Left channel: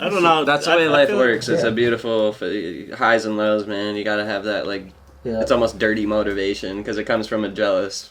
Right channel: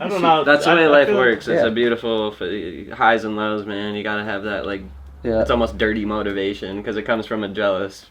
I don't know. That's the way life works. It's yeah. a beautiful highs and lows, man. You gotta have that, like, it's almost dirty motivation because it comes from a jealous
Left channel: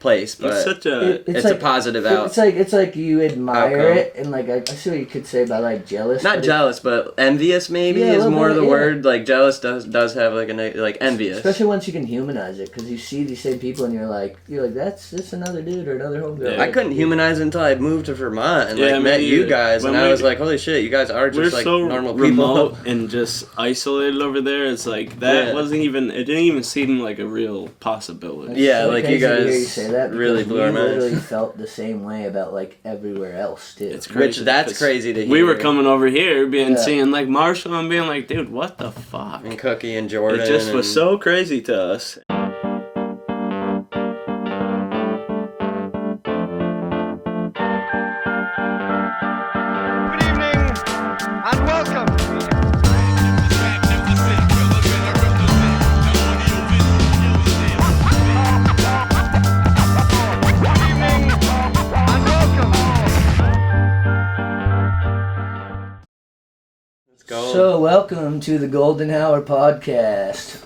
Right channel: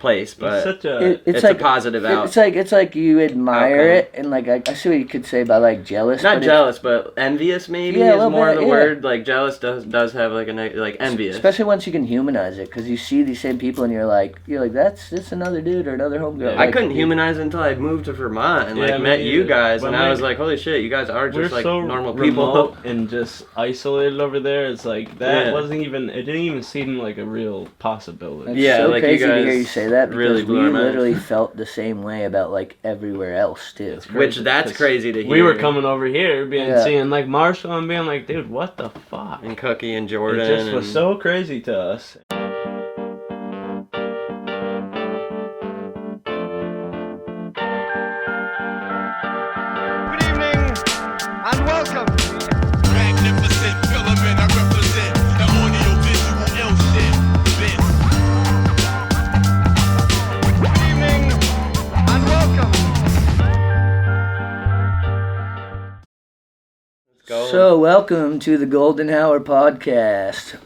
place, but it's like a positive out. It's like you admire outcome. it, and like I see what you could say about like jealous. Not jealous, but envious maybe is more the word. Like jealous does have like like envious. Especially once you can humanize it, because you see these same people and you're like that's another dude or another homegirl. Yeah. I couldn't humanize it until I moved to Vermont and met you guys, and I was like, holy shit, you guys are just like so normal people. Remote and just isolated over there. It's like that wasn't even. It didn't even seem like a real possibility. It's so like crazy you guys to hear you say that. Really blew our minds. Literally felt the same way about like everywhere else too. It's crazy. That's crazy to hear. We were coming over here, seeing like Marshall and being like, dude, what the fuck? And Cookie and Jordan. It just was so crazy to us. Good evening and welcome. So, welcome to the Golden Hour podcast.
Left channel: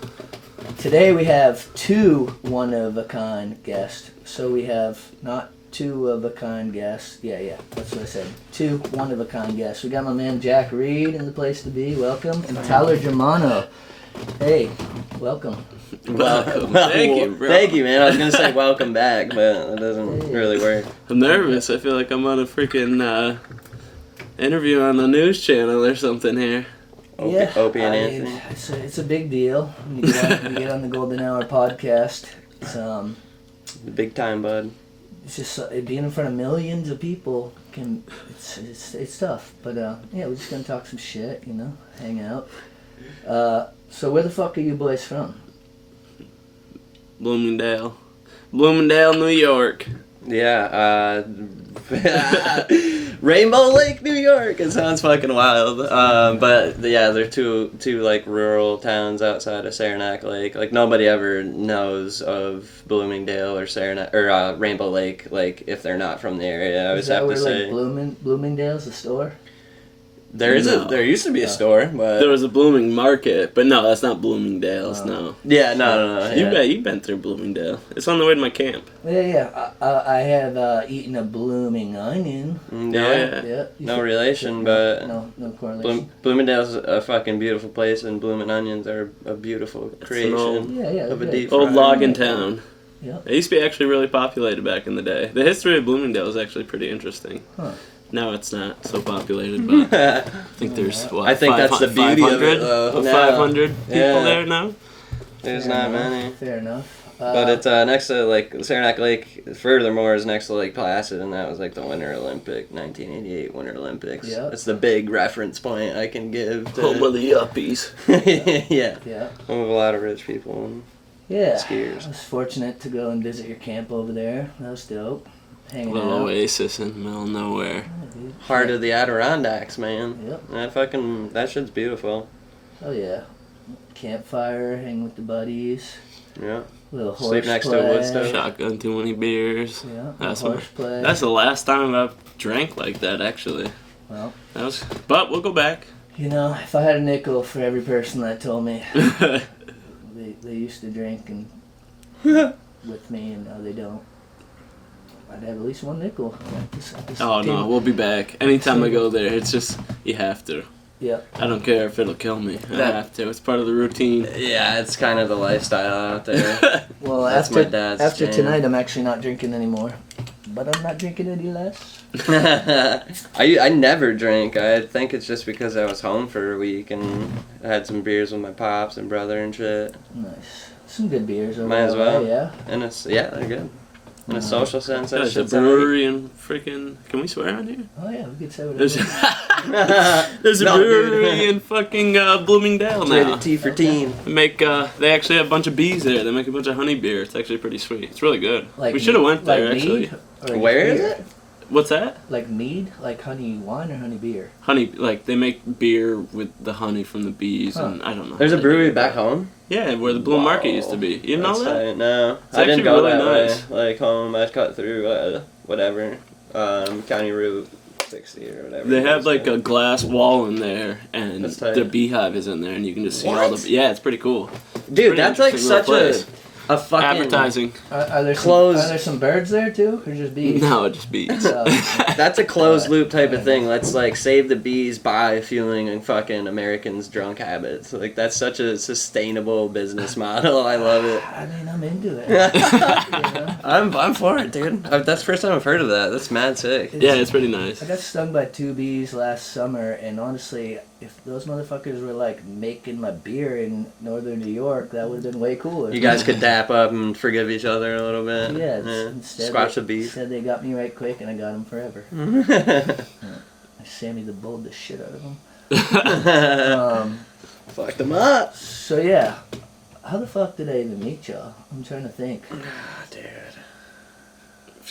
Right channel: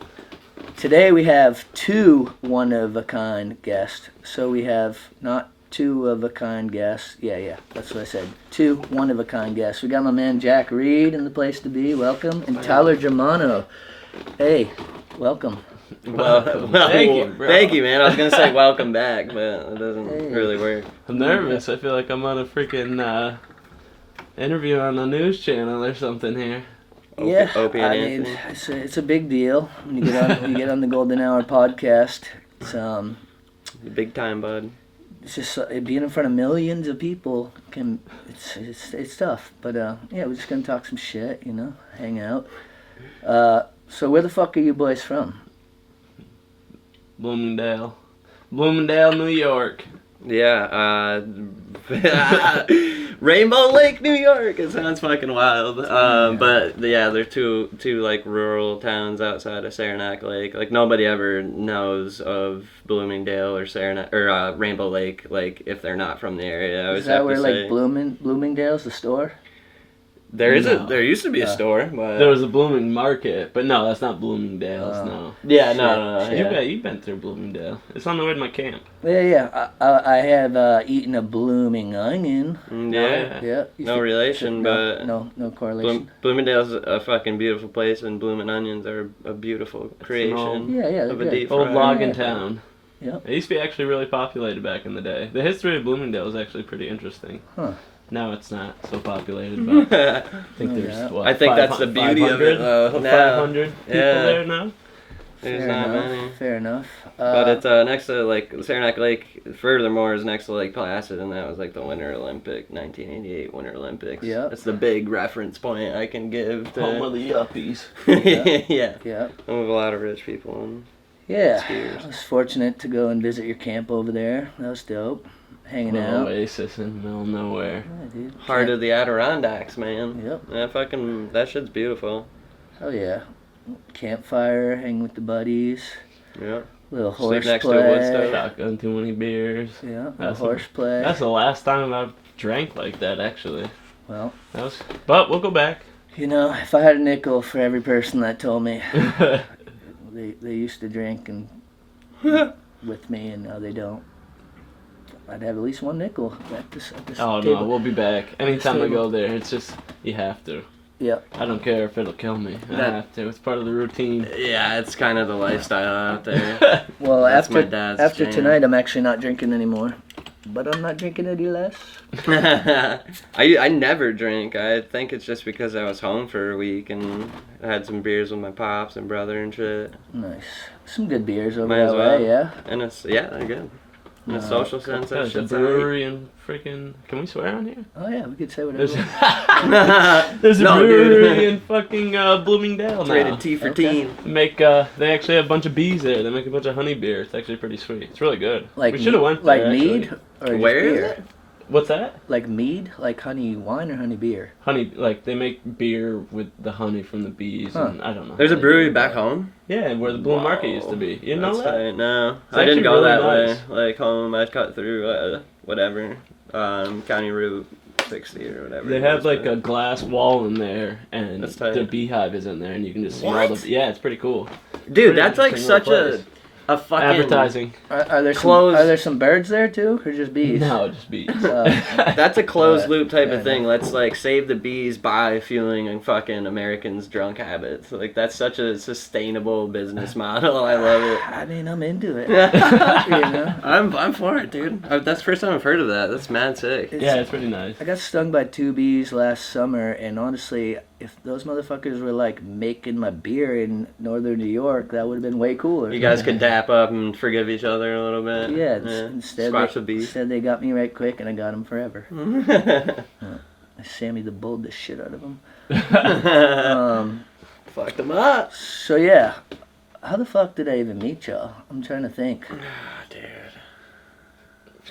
Today we have two one-of-a-kind guests. So we have not two-of-a-kind guests. Yeah, that's what I said. Two one-of-a-kind guests. We got my man Jack Reed in the place to be. Welcome. And Tyler Jermano. Hey, welcome. Welcome. Thank you, man. I was going to say welcome back, but it doesn't really work. I'm nervous. I feel like I'm on a freaking... interview on the news channel or something here. Yeah, Opie and Anthony. It's a big deal when you get on the Golden Hour podcast. It's big time, bud. It's just being in front of millions of people it's tough. But yeah, we're just gonna talk some shit, hang out. So where the fuck are you boys from? Bloomingdale, New York. Yeah, Rainbow Lake, New York. It sounds fucking wild. But yeah, they're two like rural towns outside of Saranac Lake. Like nobody ever knows of Bloomingdale or Saranac or Rainbow Lake. Like if they're not from the area, I always have to say. Is that where like Bloomingdale's the store? There used to be a store, but there was a Blooming Market, but no, that's not Bloomingdale's. No. Yeah, no. Yeah. You've been through Bloomingdale. It's on the way to my camp. Yeah. I have eaten a blooming onion. Yeah. No relation, but no correlation. Bloomingdale's a fucking beautiful place, and blooming onions are a beautiful creation. Of a deep old logging town. Yeah. It used to be actually really populated back in the day. The history of Bloomingdale is actually pretty interesting. Huh. Now it's not so populated, but I think there's I think that's the beauty of it, though. 500 people there now. There's not many. Fair enough. But it's next to like Saranac Lake. Furthermore, is next to Lake Placid, and that was like the Winter Olympic, 1988 Winter Olympics. Yeah. That's the big reference point I can give to. Home of the yuppies. Yeah. Home of a lot of rich people and skiers. I was fortunate to go and visit your camp over there. That was dope. Hanging out. Oasis in the middle of nowhere. Yeah, dude. Heart of the Adirondacks, man. Yep. That shit's beautiful. Oh yeah. Campfire, hang with the buddies. Yeah. Little horse Sleep next play. to a wood stove. Shotgun too many beers. Yeah. Horse play. That's the last time I've drank like that, actually. Well. But we'll go back. If I had a nickel for every person that told me they used to drink and with me and now they don't, I'd have at least one nickel at this table. No, we'll be back. Anytime we go there, it's just, you have to. Yeah. I don't care if it'll kill me. I have to. It's part of the routine. Yeah, it's kind of the lifestyle out there. Well, after tonight, I'm actually not drinking anymore. But I'm not drinking any less. I never drink. I think it's just because I was home for a week and I had some beers with my pops and brother and shit. Nice. Some good beers over there, well. Yeah. And they're good. In a social sense, there's a brewery and freaking. Can we swear on here? Oh yeah, we could say whatever. There's a brewery in fucking Bloomingdale now. Tea for teen. They actually have a bunch of bees there. They make a bunch of honey beer. It's actually pretty sweet. It's really good. We should have went there actually. Where is it? What's that? Like mead? Like honey wine or honey beer? Honey, like they make beer with the honey from the bees, and I don't know. There's a brewery back home? Yeah, where the Bloom Market used to be. You know that? No, I didn't go that way. Like home, I'd cut through whatever, County Route 60 or whatever. They have like a glass wall in there, and That's tight. the beehive is in there, and you can just see all What? the. Yeah, it's pretty cool. Dude, that's like Interesting such little place. a fucking Advertising. Are there Close- are there some birds there too, or just bees? No, it just bees. That's a closed loop type of thing. Let's like save the bees by fueling fucking Americans' drunk habits. Like that's such a sustainable business model. I love it. I mean, I'm into it. You know? I'm for it, dude. That's the first time I've heard of that. That's mad sick. Yeah, it's pretty nice. I got stung by 2 bees last summer, and honestly, if those motherfuckers were like making my beer in northern New York, that would have been way cooler. You guys could dap up and forgive each other a little bit. Yeah, instead Squash they, the beef. Instead they got me right quick, and I got them forever. I Sammy the Bull the shit out of them. Fuck them up. So yeah, how the fuck did I even meet y'all? I'm trying to think. Dude.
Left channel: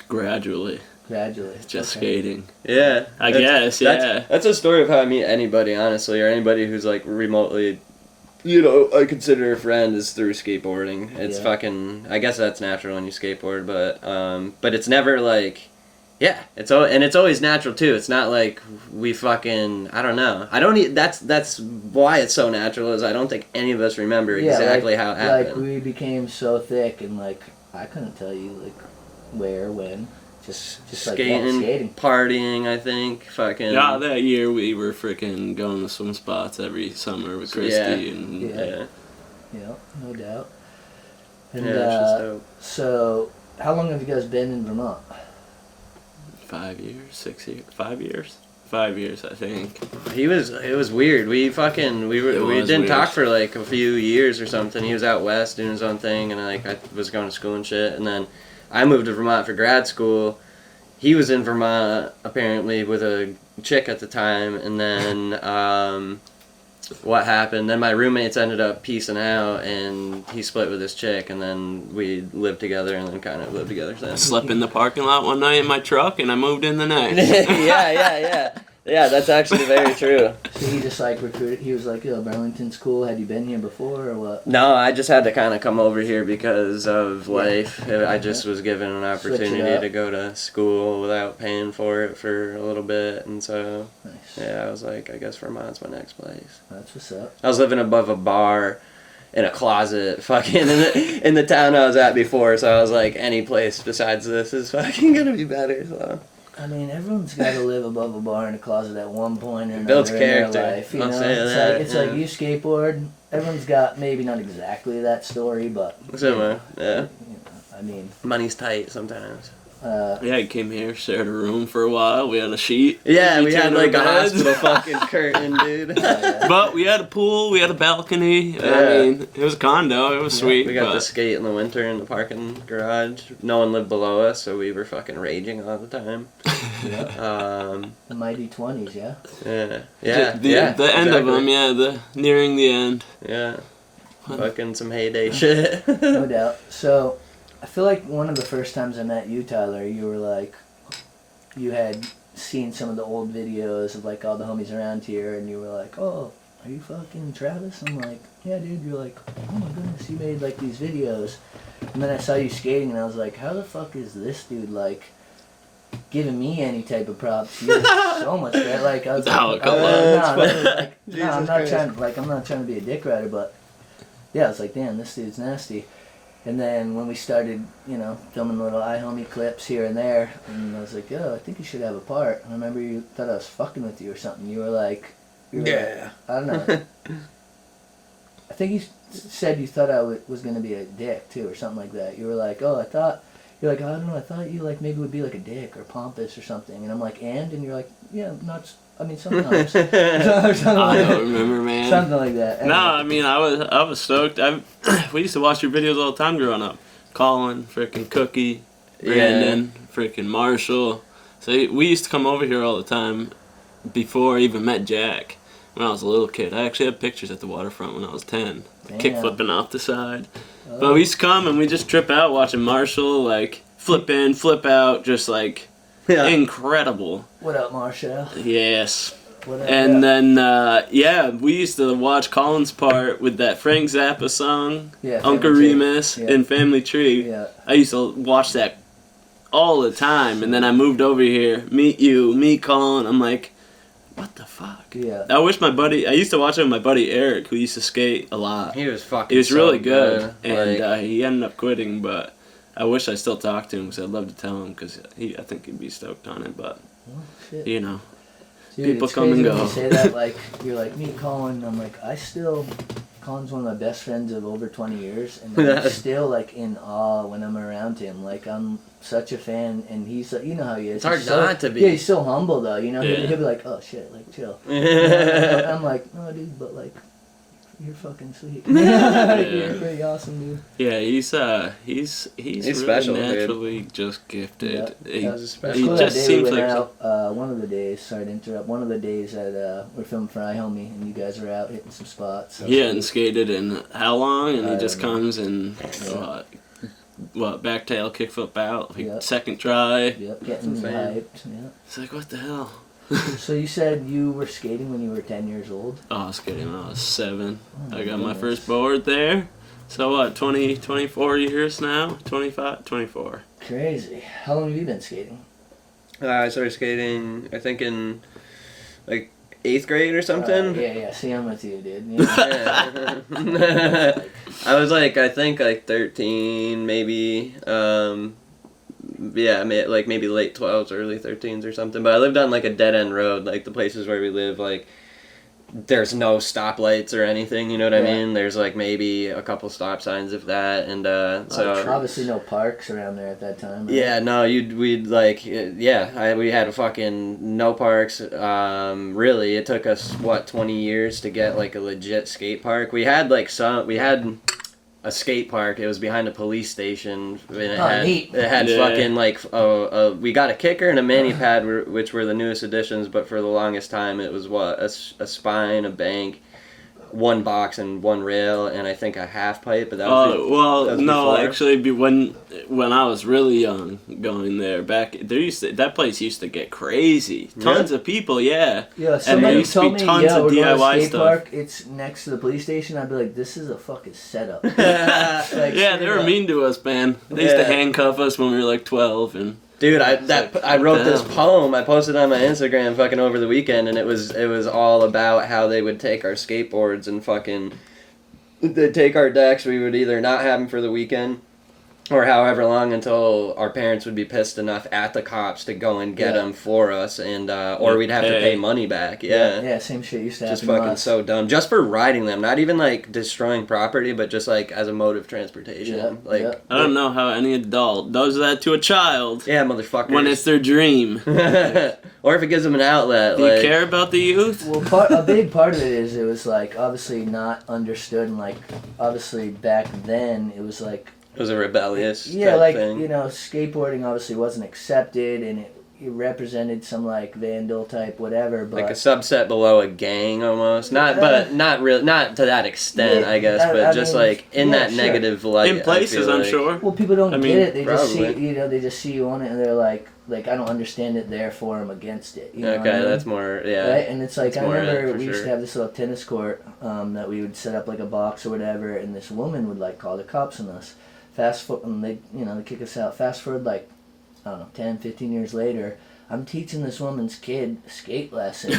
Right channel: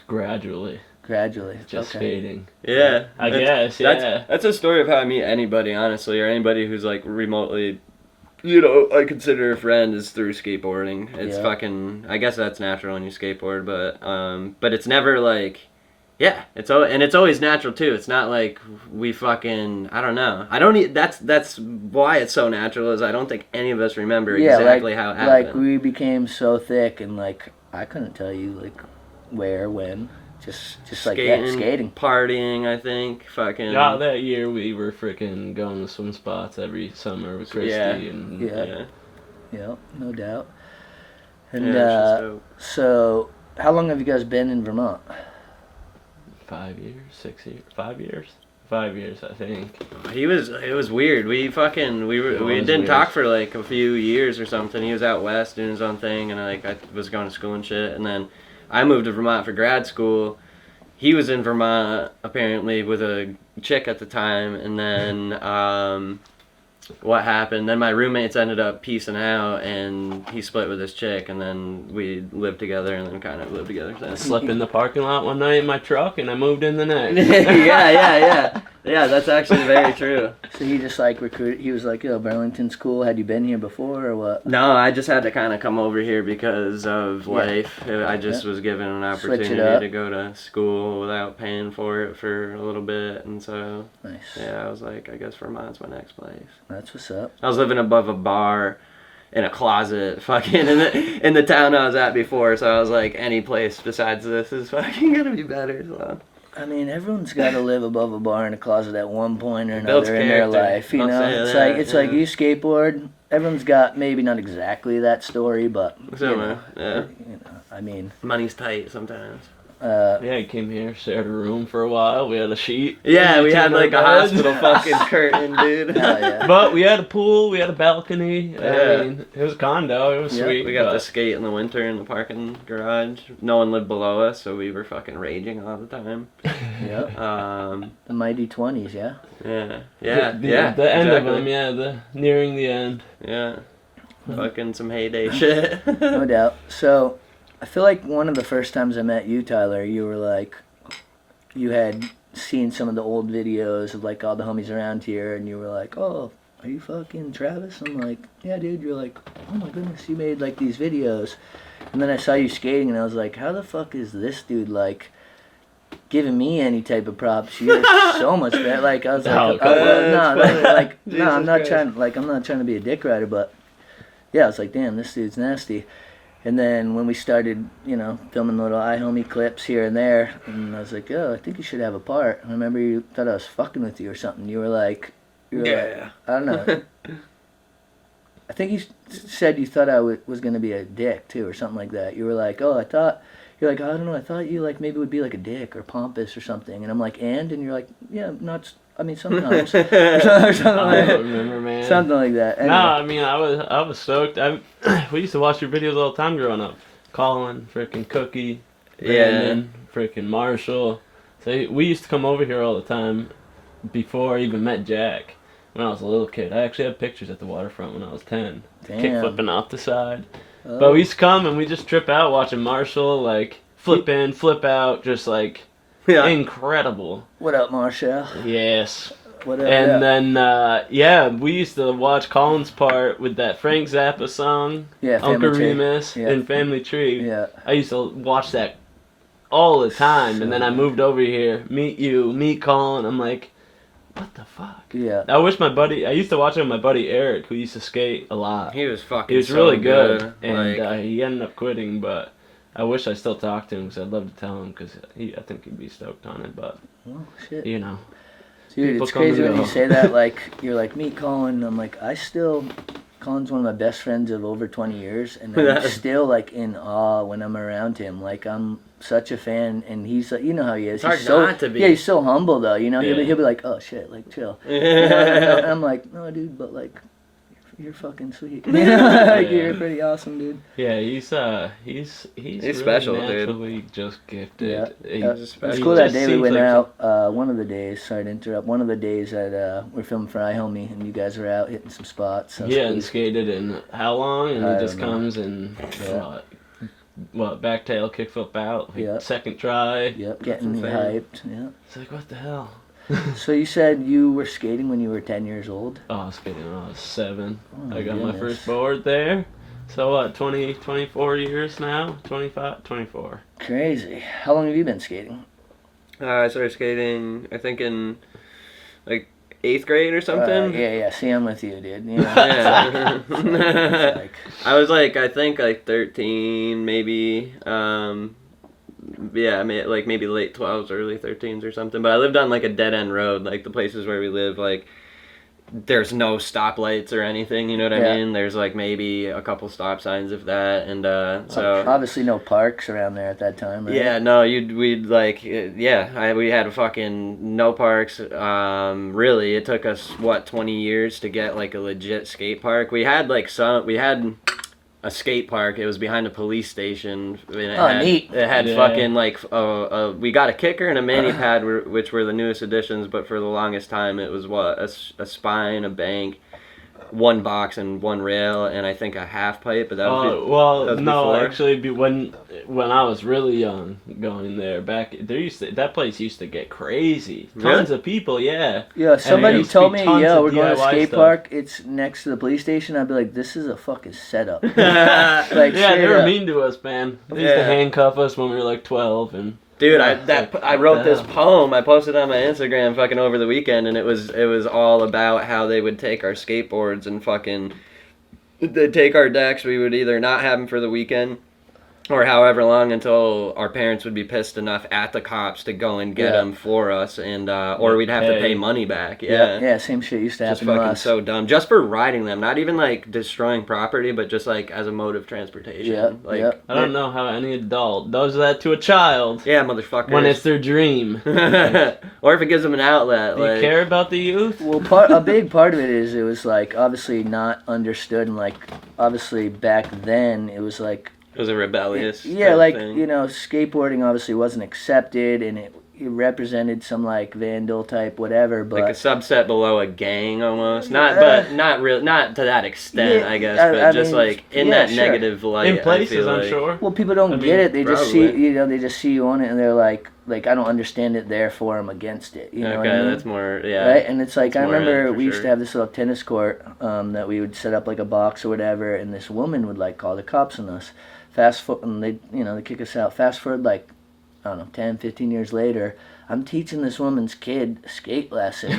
Gradually, Gradually. just Okay. skating. Yeah. I guess, yeah. That's a story of how I meet anybody, honestly, or anybody who's like remotely, you know, I consider a friend is through skateboarding. It's Yeah. fucking, I guess that's natural when you skateboard, but it's never like, yeah, it's always natural too. It's not like we fucking, I don't know. I don't need, that's why it's so natural is I don't think any of us remember exactly how it happened. Like we became so thick, and like I couldn't tell you like where, when. Just like skating. Partying, I think. Fucking. Yeah, that year we were freaking going to swim spots every summer with Christy Yeah. and Yeah. Yeah, no doubt. And Yeah, it's just dope. so, how long have you guys been in Vermont? 5 years, 6 years, 5 years, 5 years, I think. It was weird. We didn't weird. talk for like a few years or something. He was out west doing his own thing, and I was going to school and shit. And then I moved to Vermont for grad school. He was in Vermont apparently with a chick at the time, and then what happened? Then my roommates ended up piecing out, and he split with his chick, and then we lived together, and then kind of lived together I since. slept in the parking lot one night in my truck, and I moved in the next. Yeah, that's actually very true. So he just like recruited. He was like, "Yo, Burlington's cool. Had you been here before, or what?" No, I just had to kind of come over here because of Yeah. life. I just was given an Switch it opportunity up. to go to school without paying for it for a little bit, and so Nice. yeah, I was like, I guess Vermont's my next place. That's what's up. I was living above a bar in a closet, fucking in the town I was at before, so I was like, any place besides this is fucking gonna be better. So. I mean, everyone's got to live above a bar in a closet at one point or Builds another in their character. life. You I'll know, say it's that, like yeah. you skateboard. Everyone's got maybe not exactly that story, but Similar, yeah. You know, I mean, Money's tight sometimes. Yeah, I came here, shared a room for a while. We had a sheet. Yeah, we had like a bed. hospital fucking curtain, dude. yeah. But we had a pool, we had a balcony. Yeah. I mean, it was a condo, it was Yeah, sweet. We got but to skate in the winter in the parking garage. No one lived below us, so we were fucking raging all the time. Yeah. The mighty 20s, yeah. The end of them, yeah, nearing the end. Yeah. Fucking some heyday shit. No doubt. So, I feel like one of the first times I met you, Tyler, you were like, you had seen some of the old videos of like all the homies around here, and you were like, "Oh, are you fucking Travis?" I'm like, "Yeah, dude." You're like, "Oh my goodness, you made like these videos," and then I saw you skating, and I was like, "How the fuck is this dude like giving me any type of props? You're so much better." Like I was like, I'm not trying to be a dick rider, but yeah, I was like, "Damn, this dude's nasty." And then when we started, you know, filming little iHomie clips here and there, and I was like, "Yo, I think you should have a part." And I remember you thought I was fucking with you or something. You were like, I don't know. I think you said you thought I was going to be a dick too or something like that. You were like, "Oh, you're like, I don't know, I thought you like maybe would be like a dick or pompous or something." And I'm like, "And you're like, "Yeah, not, I mean, sometimes." or something I like don't remember, man. Something like that. No, I mean, I was stoked. We used to watch your videos all the time growing up. Colin, freaking Cookie, Brandon, freaking Marshall. So we used to come over here all the time before I even met Jack. When I was a little kid, I actually have pictures at the waterfront when I was 10. Damn. Kick flipping off the side. Oh. But we used to come and we just trip out watching Marshall, like, flip in, flip out, just like, incredible. What up, Marshall? Yes. What up? And then, we used to watch Colin's part with that Frank Zappa song, Yeah, Uncle Family Tree. Remus, Yeah. in Family Tree. Yeah. I used to watch that all the time. And then I moved over here, meet you, me Colin. I'm like, what the fuck? Yeah. I used to watch it with my buddy Eric, who used to skate a lot. He was fucking. He was so really good, and Like, he ended up quitting. But I wish I still talked to him because I'd love to tell him because I think he'd be stoked on it. But Oh, shit. you know, Dude, people it's come and crazy when go. you say that, like, you're like, me, Colin, I'm like, Colin's one of my best friends of over 20 years, and I'm still, like, in awe when I'm around him. Like, I'm such a fan, and he's, like, you know how he is. It's hard He's so, not to be. Yeah, he's so humble, though, you know? Yeah. He'll be like, oh, shit, like, chill. You know? And I'm like, no, dude, but, like, you're fucking sweet. Like, you're pretty awesome, dude. Yeah, he's really special, dude. naturally just gifted. He- It was was special. cool he that just day we seems went like out. One of the days, sorry to interrupt. One of the days that we're filming for iHomie, and you guys were out hitting some spots. So Yeah, and skated in how long? And I he just don't know. comes and back tail, kick flip out, like Yeah. second try. Yep, getting me Insane. hyped. Yeah. It's like, what the hell? So you said you were skating when you were 10 years old? Oh, I was skating when I was 7. Oh, I got my goodness. first board there. So what, 24 years now? 25, 24. Crazy. How long have you been skating? I started skating, I think in like 8th grade or something. Yeah. See, I'm with you, dude. Yeah. Yeah. Like, I was like, I think like 13, maybe. Yeah, like maybe late 12s, early 13s or something. But I lived on like a dead end road, like the places where we live, like there's no stoplights or anything. You know what I Yeah. mean? There's like maybe a couple stop signs if that, and so. obviously no parks around there at that time, right? Yeah, no, we'd like, yeah, we had a fucking no parks. Really, it took us, 20 years to get like a legit skate park. We had a skate park. It was behind a police station. And it Neat. It had Yeah. fucking like, we got a kicker and a mani pad, which were the newest additions, but for the longest time it was a spine, a bank, one box and one rail, and I think a half pipe. But that was that was no, before. actually, when I was really young, going there that place used to get crazy. Tons of people, yeah. Yeah, somebody used to told be me, tons yeah, of we're going to DIY skate stuff. park. It's next to the police station. I'd be like, this is a fucking setup. Like, Yeah, straight they were up. mean to us, man. They used to Yeah. handcuff us when we were like 12, and Dude, I wrote this Damn. poem. I posted it on my Instagram fucking over the weekend, and it was all about how they would take our skateboards and fucking they'd take our decks. We would either not have them for the weekend, or however long until our parents would be pissed enough at the cops to go and get Yeah. them for us, and or we'd have to pay money back. Yeah, same shit used to Just happen to fucking us. so dumb. Just for riding them, not even like destroying property, but just like as a mode of transportation. Yeah, Like, yeah. I don't know how any adult does that to a child yeah, motherfucker. when it's their dream. or if it gives them an outlet. Do you like, care about the youth? Well, a big part of it is it was like obviously not understood, and like obviously back then it was like It was a rebellious yeah, type like thing. you know, skateboarding obviously wasn't accepted, and it represented some like vandal type whatever, but Like a subset below a gang almost. Not to that extent, Yeah, I guess, I but just mean, like in yeah, that sure. negative light. In I places, feel I'm like. sure. well, people don't I get mean, it. They just see probably. they just see you on it, and they're like I don't understand it, therefore I'm against it. You know what I Okay, mean? that's more, yeah. Right, and it's like That's I more remember it, for we used to sure. have this little tennis court that we would set up like a box or whatever, and this woman would like call the cops on us. Fast forward, and they kick us out. Fast forward like I don't know, 10, 15 years later, I'm teaching this woman's kid skate lessons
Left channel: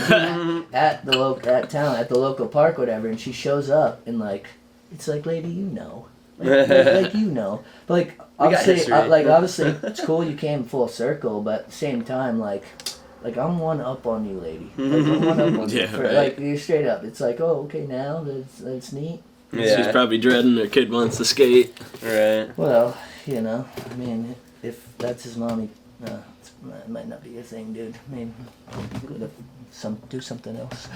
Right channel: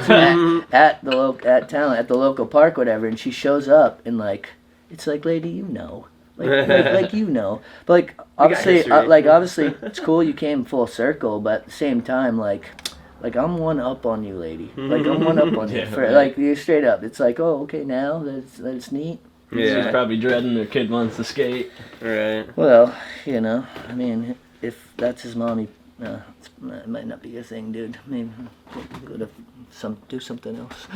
at the local park, whatever, and she shows up and like it's like, lady, you know. Like you know, but like obviously, history. obviously, it's cool you came full circle, but at the same time, like I'm one up on you, lady. Like I'm one up on you. Yeah, For, right. Like you're straight up. It's like, oh, okay, now that's neat. She's probably dreading her kid wants to skate. Right. Well, I mean, if that's his mommy, it might not be a thing, dude. Maybe go to do something else.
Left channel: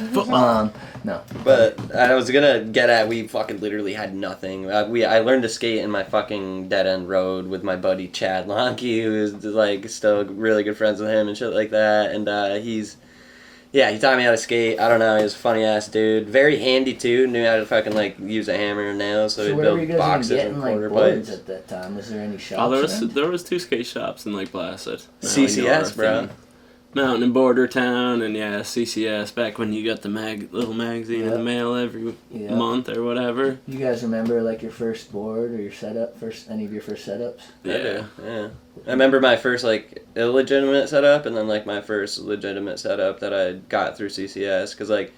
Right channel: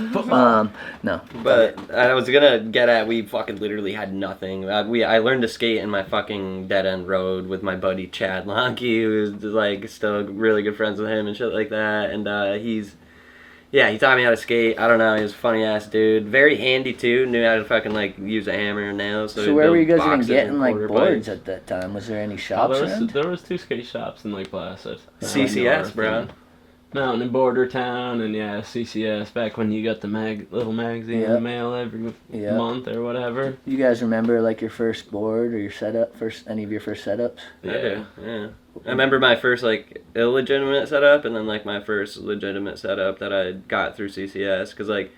No. But I was gonna get at, we fucking literally had nothing. I learned to skate in my fucking dead end road with my buddy Chad Lonke, who's like still really good friends with him and shit like that. And he taught me how to skate. I don't know, he was a funny ass dude. Very handy too. Knew how to fucking like use a hammer and nails. So where were you guys even boxes getting and like quarter boards pipes. at that time? Was there any Oh, shops? around? there was 2 skate shops in Lake Placid. CCS, bro. Mountain and Border Town, and yeah, CCS, back when you got the little magazine in the mail every month or whatever. You guys remember like your first board or your setup, any of your first setups? Yeah. I remember my first like illegitimate setup, and then like my first legitimate setup that I got through CCS, because like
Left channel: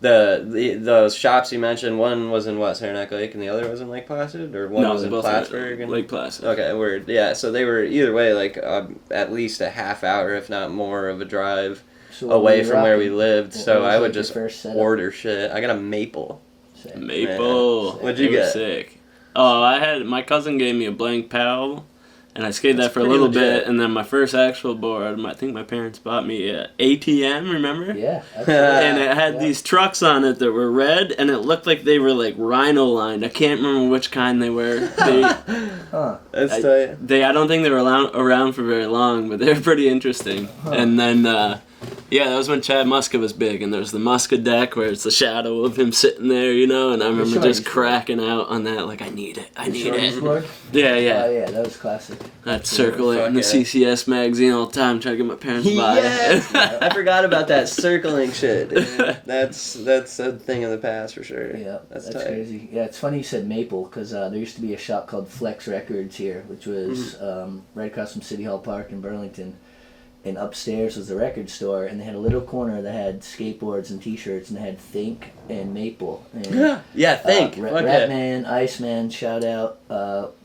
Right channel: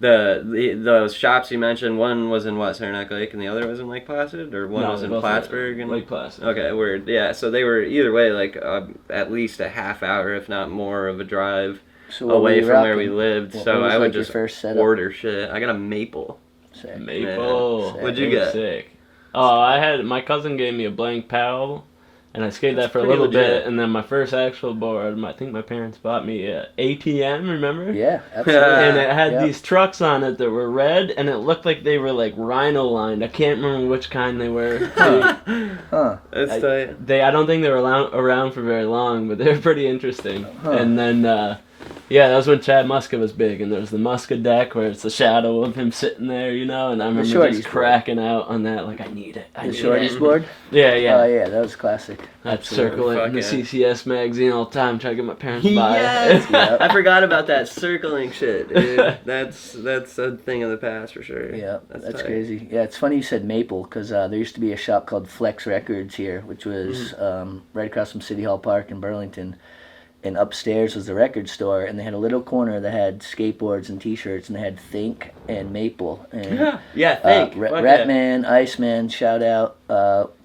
the shops you mentioned, one was in Saranac Lake and the other was in Lake Placid, or one was in Plattsburgh and Lake Placid. Okay, word. Yeah, so they were either way like at least a half hour, if not more, of a drive away from where we lived. So I would just order shit. I got a Maple. Sick. Maple. Sick. What'd you get? Sick. Oh, my cousin gave me a blank Powell. And I skated that for a little bit, and then my first actual board, I think my parents bought me a ATM, remember? Yeah, absolutely. And it had these trucks on it that were red, and it looked like they were like rhino lined. I can't remember which kind they were. That's tight. I don't think they were around for very long, but they were pretty interesting. And then, that was when Chad Muska was big, and there's the Muska deck where it's the shadow of him sitting there, and I remember just cracking out on that, like, I need it. Board? Yeah. Oh, yeah, that was classic. I'd circle it in the CCS magazine all the time, trying to get my parents to buy it. Yep. I forgot about that circling shit, dude. That's a thing in the past for sure. Yeah, that's crazy. Yeah, it's funny you said Maple, because there used to be a shop called Flex Records here, which was right across from City Hall Park in Burlington. And upstairs was the record store, and they had a little corner that had skateboards and T-shirts, and they had Think and Maple. And, Think. Ratman, Iceman, shout out,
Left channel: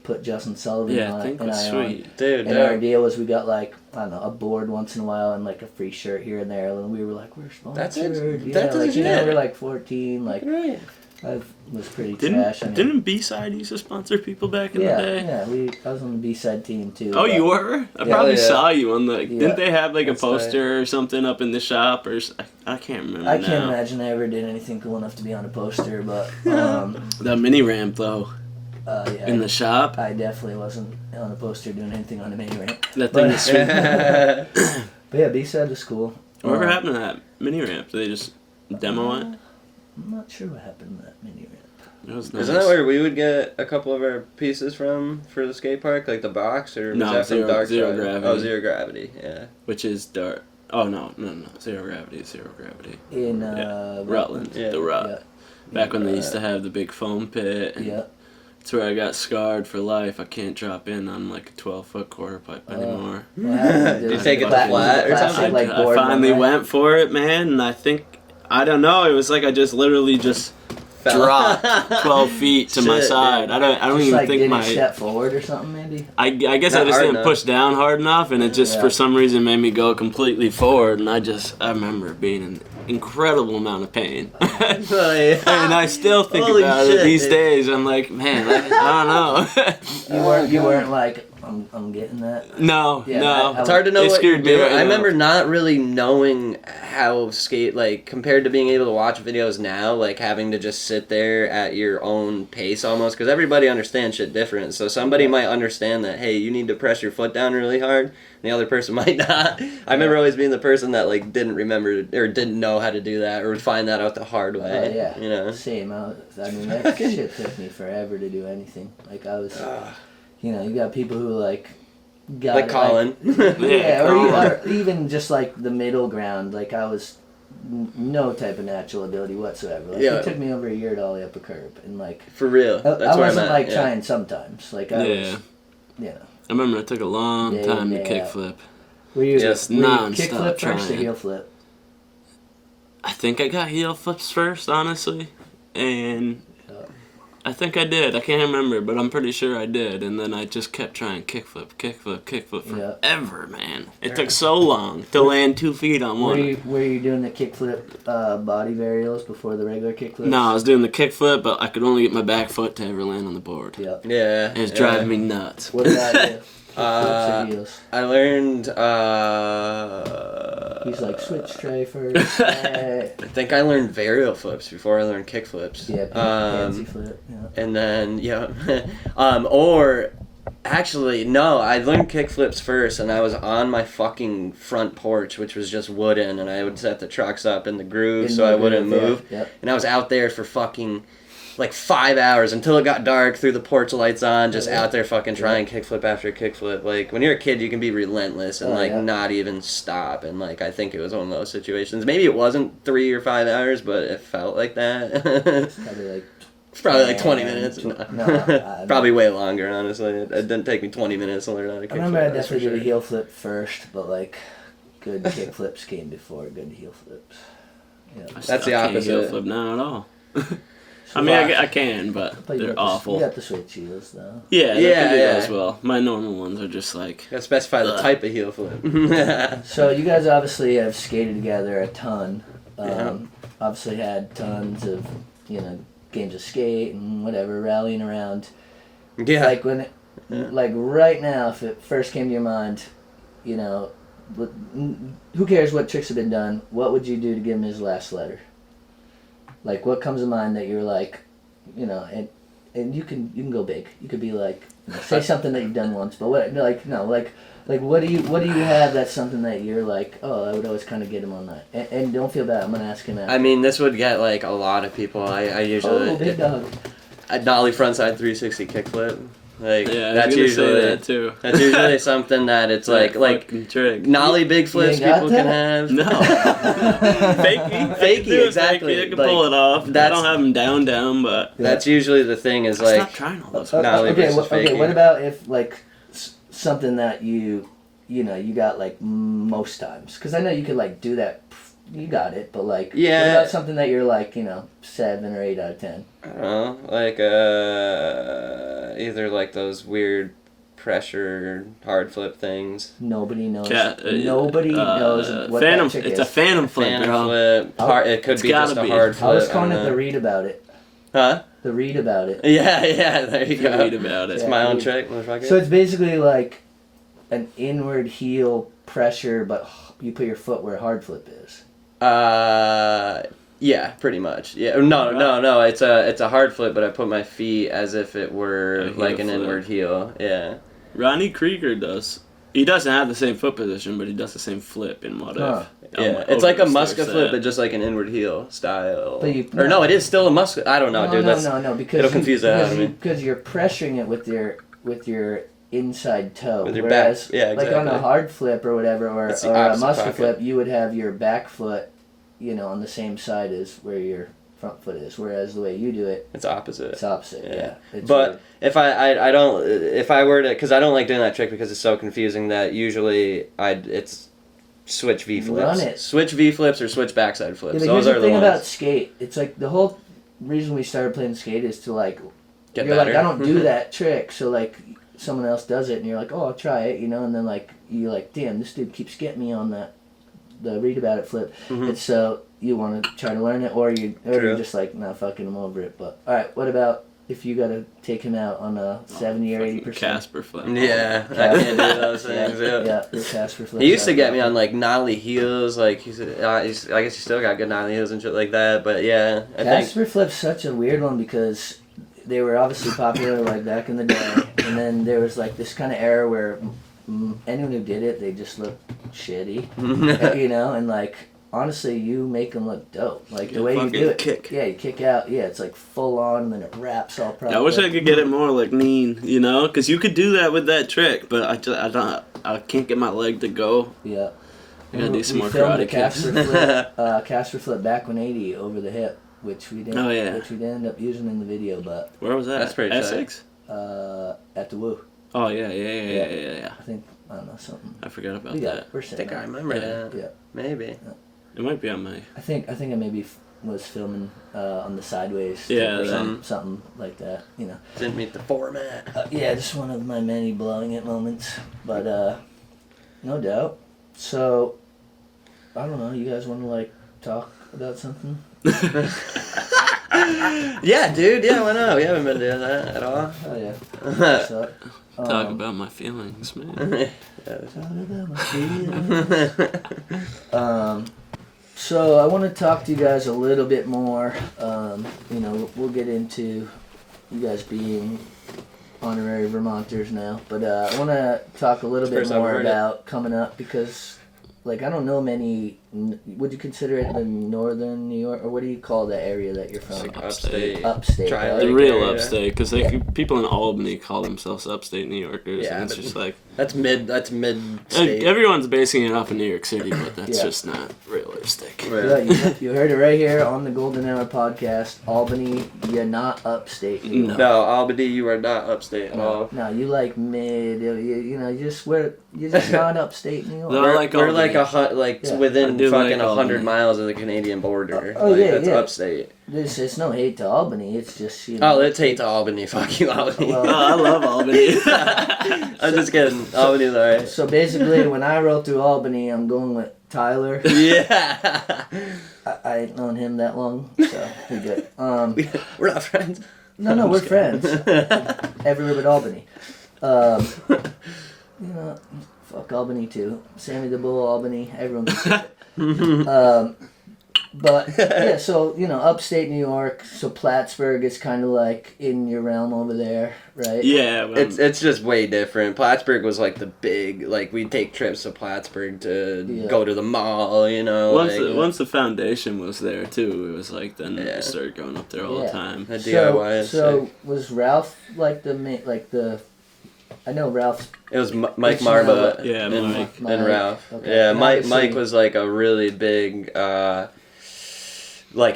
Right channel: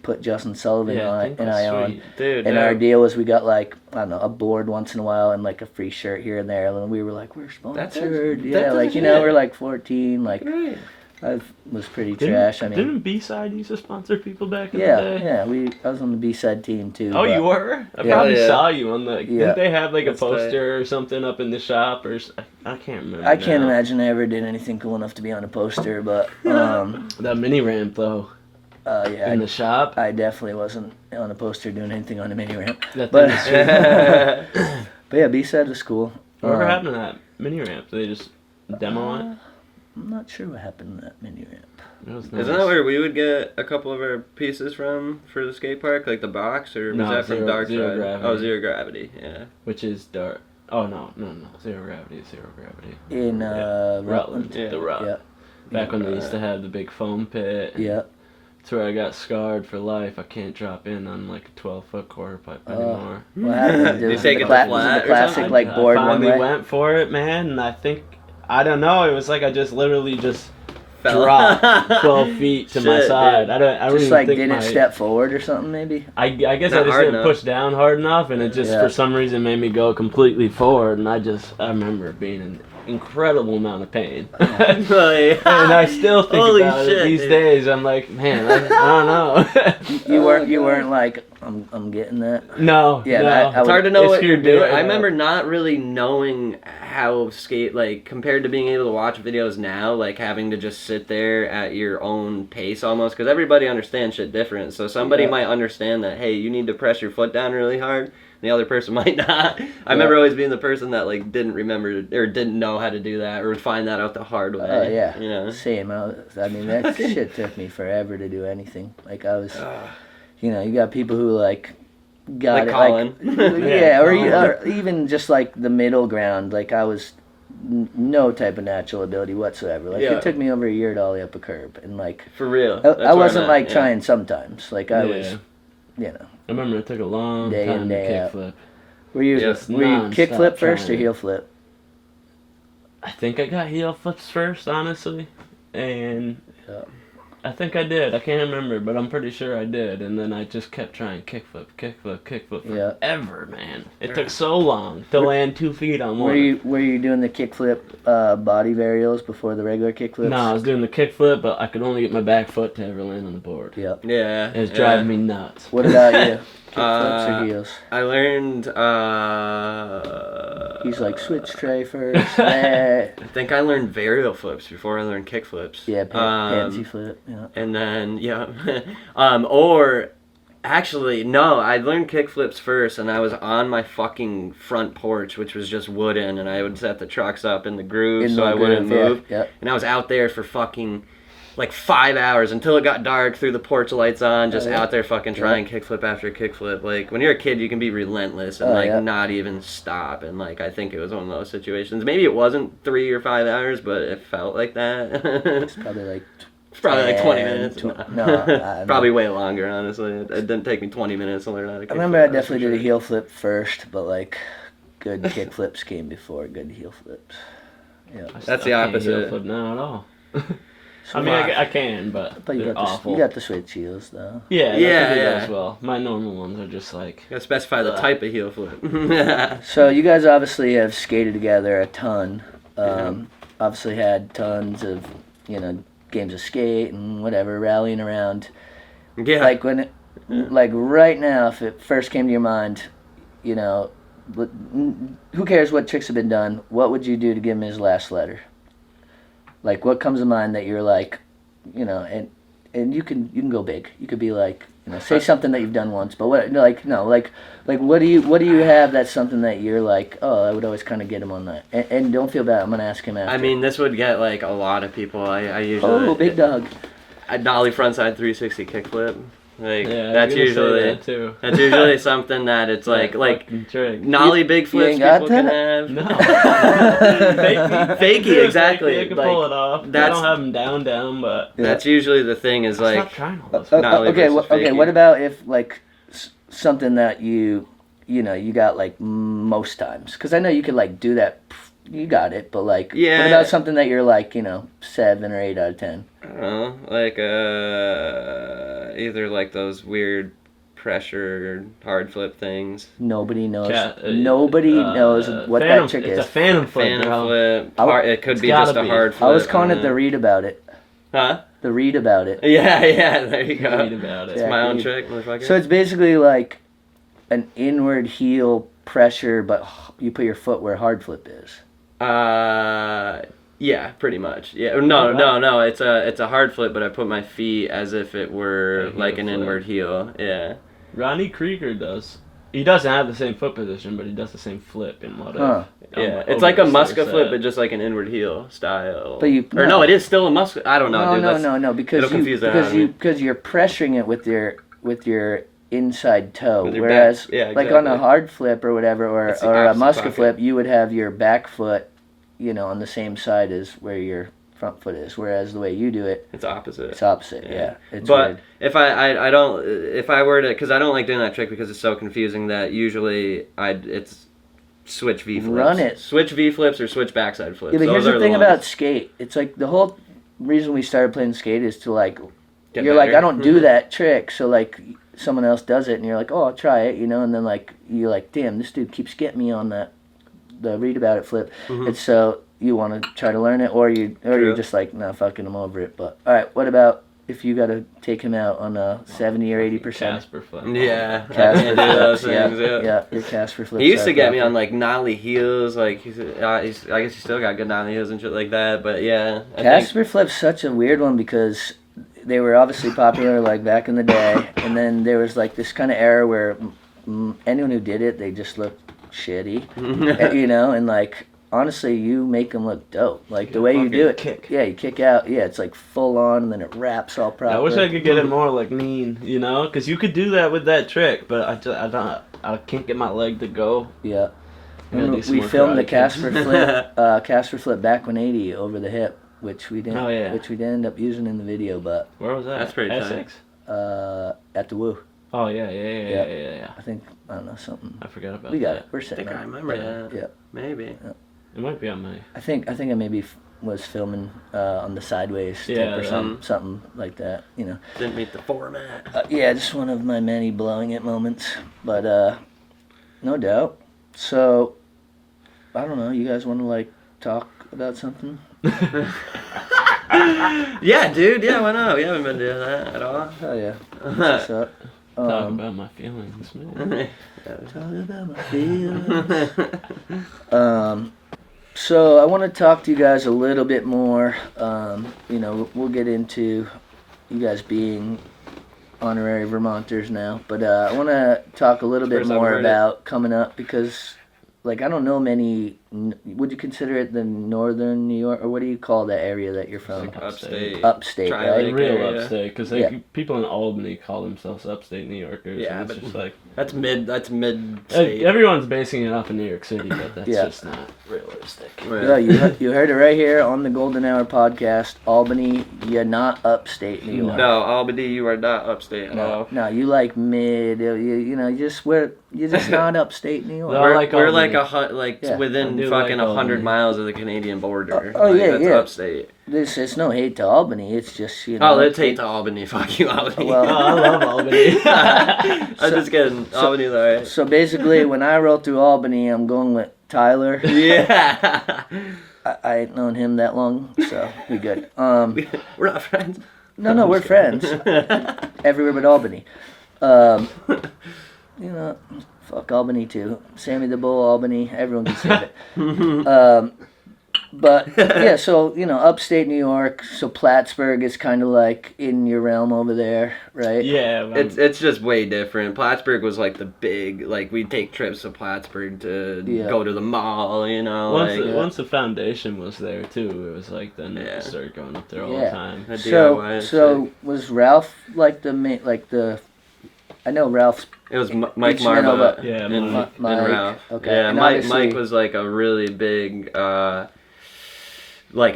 put Justin Sullivan on it, and I on. Dude, and our deal was we got like, I don't know, a board once in a while and like a free shirt here and there, and we were like, we're sponsored. We're like 14, like. Right. I was pretty trash. Didn't B-Side used to sponsor people back in the day? Yeah, I was on the B-Side team too. Oh, you were? I probably saw you on the... Didn't they have like a poster or something up in the shop? Or I can't remember. I can't imagine I ever did anything cool enough to be on a poster, but... the mini ramp though. In the shop? I definitely wasn't on a poster doing anything on a mini ramp. That thing was sweet. But yeah, B-Side was cool. Whatever happened to that mini ramp? Did they just demo it? I'm not sure what happened to that mini ramp. It was nice. Isn't that where we would get a couple of our pieces from for the skate park, like the box, or was that from Dark Zero Side? Gravity. Oh, Zero Gravity, yeah. Which is dark. Oh no, Zero Gravity. In Rutland, Yeah. the Rut. Yeah. Back when they used to have the big foam pit. Yeah. That's where I got scarred for life. I can't drop in on like a 12-foot quarter pipe anymore. Did you take it to flat or something? Like I finally went for it, man, and I don't know. It was like I just literally dropped 12 feet to my side. I don't even like think didn't step forward or something maybe. I guess I just didn't push down hard enough, and it just for some reason made me go completely forward. And I remember being in incredible amount of pain. And I still think about it these days. I'm like, man, I don't know. You weren't like, I'm getting that. No, no. It's hard to know. I remember not really knowing how skate, like, compared to being able to watch videos now, like having to just sit there at your own pace almost, because everybody understands shit different. So somebody might understand that, hey, you need to press your foot down really hard, and the other person might not. I remember always being the person that like didn't remember or didn't know how to do that, or would find that out the hard way. You know? Same. I mean, that shit took me forever to do anything. Like I was, you got people who like got like it, Colin. or even just like the middle ground. Like I was no type of natural ability whatsoever. Like it took me over a year to ollie up a curb, and like for real. I wasn't like trying sometimes. Like I was, I remember it took a long time to kickflip. Were you kickflip first or heel flip? I think I got heel flips first, honestly, and I think I did. I can't remember, but I'm pretty sure I did. And then I just kept trying kickflip forever, man. It took so long to land 2 feet on one. Were you doing the kickflip body varials before the regular kickflips? No, I was doing the kickflip, but I could only get my back foot to ever land on the board. Yep. Yeah. It was driving me nuts. What about you? Kickflips or heels? I learned. He's like switch tray first. I think I learned varial flips before I learned kick flips. Yeah, pansy flip. Yeah. And then or actually no, I learned kick flips first, and I was on my fucking front porch, which was just wooden, and I would set the trucks up in the groove so I wouldn't move. Yeah. And I was out there for fucking like 5 hours until it got dark, threw the porch lights on, just out there fucking trying kickflip after kickflip. Like, when you're a kid, you can be relentless and not even stop. And like, I think it was one of those situations. Maybe it wasn't 3 or 5 hours, but it felt like that. It's probably like 20 minutes. No, probably way longer, honestly. It didn't take me 20 minutes to learn how to kickflip. I remember I definitely did a heel flip first, but like good kick flips came before good heel flips. Yeah, that's the opposite. Heel flip now at all. I mean, I can, but they're awful. You got the switch heels, though. Yeah, as well. My normal ones are just like... You gotta specify the type of heel flip. So you guys obviously have skated together a ton. Obviously had tons of, games of skate and whatever, rallying around. Yeah. Like when like right now, if it first came to your mind, who cares what tricks have been done, what would you do to give him his last letter? Like, what comes to mind that you're like, and you can go big. You could be like, say something that you've done once, but what do you have that's something that you're like, oh, I would always kind of get him on that. And don't feel bad, I'm gonna ask him after. I mean, this would get like a lot of people. I usually big dog. A nollie frontside 360 kickflip. Like that's usually that too. That's usually something that it's like trick. Nollie big flips people can have. No. Fakey, exactly. I can pull it off. I don't have them down, but that's usually the thing is like. Stop trying all this. Okay. What about if like something that you got like most times? Because I know you could like do that. You got it, but like, what about something that you're like, 7 or 8 out of 10? I don't know, like either like those weird pressure hard flip things. Nobody knows. Nobody knows what that trick is. It's a phantom flip. It could be just a hard flip. I was calling it the read about it. Huh? The read about it. Yeah, there you go. Read about it. It's my own trick, motherfucker. So it's basically like an inward heel pressure, but you put your foot where hard flip is. Yeah, pretty much. Yeah, no. It's a hard flip, but I put my feet as if it were like an inward heel. Yeah. Ronnie Krieger does. He doesn't have the same foot position, but he does the same flip in what Yeah, it's like a Muska flip, but just like an inward heel style. But it is still a Muska. I don't know, dude. No, because you're pressuring it with your inside toe, whereas like on a hard flip or whatever, or a Muska flip, you would have your back foot, on the same side as where your front foot is. Whereas the way you do it, it's opposite. It's opposite, yeah. But weird. if I were to, because I don't like doing that trick because it's so confusing that usually it's switch V flips. Run it. Switch V flips or switch backside flips. Yeah, but here's the thing about skate. It's like the whole reason we started playing skate is to like, get you're better. like, I don't do that trick, so like someone else does it, and you're like, oh, I'll try it, and then like you're like, damn, this dude keeps getting me on the read about it flip, and so you want to try to learn it, or you're just like, nah, fucking, I'm over it. But all right, what about if you got to take him out on a 70 or 80%? Casper flip. Yeah, Casper do those things. Yeah, your Casper flip. He used to get me on like nollie heels, like I guess he still got good nollie heels and shit like that. But yeah, Casper flip's such a weird one because they were obviously popular like back in the day, and then there was like this kind of era where anyone who did it, they just looked shitty, and like honestly, you make them look dope. Like the way you do it, you kick out, it's like full on, and then it wraps all properly. I wish I could get it more like mean, because you could do that with that trick, but I can't get my leg to go. Yeah. We filmed the Casper flip back 180 over the hip, which we didn't. Which we didn't end up using in the video, but where was that? That's pretty Essex. At the Woo. Oh yeah. I think I don't know something. I forgot about we got that. It. We're set. I think I remember that. Yeah. Maybe. Yeah. It might be on my. I think I maybe was filming on the sideways. Yeah. Or something like that. Didn't meet the format. Just one of my many blowing it moments, but no doubt. So I don't know. You guys want to like talk about something? Yeah, dude. Yeah, why not? We haven't been doing that at all. Oh yeah. So, talk about my feelings, man. Talk about my feelings. So I want to talk to you guys a little bit more. We'll get into you guys being honorary Vermonters now, but I want to talk a little bit more about coming up because, like, I don't know many. Would you consider it the northern New York, or what do you call that area that you're from? Like upstate. Upstate, Try right? The like real area. upstate, because Yeah. people in Albany call themselves upstate New Yorkers, Yeah, and it's but- just like That's mid state. everyone's basing it off of New York City, but that's Yeah. just not realistic. Yeah, you heard it right here on the Golden Hour podcast. Albany, you're not upstate New York. No, Albany, you are not upstate at all. No, you like mid. You know, you're just not upstate New York. No. We're like like Albany. Yeah. within I do fucking like 100 Albany. miles of the Canadian border. Oh, Like, yeah, that's yeah. upstate. It's no hate to Albany. It's just, you know. Oh, let's hate to Albany. Fuck you, Albany. Well, No, I love Albany. I'm just kidding. Albany's alright. So basically, when I roll through Albany, I'm going with Tyler. Yeah. I ain't known him that long, so we good. We're not friends. No, we're friends. Everywhere but Albany. You know, fuck Albany too. Sammy the Bull, Albany, everyone can say it. But yeah, so you know, upstate New York. So Plattsburgh is kind of like in your realm over there, right? Yeah, well, It's just way different. Plattsburgh was like the big, like we'd take trips to Plattsburgh to Yeah. go to the mall, you know. once the foundation was there too, it was like then Yeah. we started going up there all Yeah. the time. The So, DIY is so sick. was Ralph like the main, like the? I know Ralph's. It was Mike Did you know Marva about- Yeah, and, Mike. and Ralph. Okay. Yeah, and Mike obviously- was like a really big, like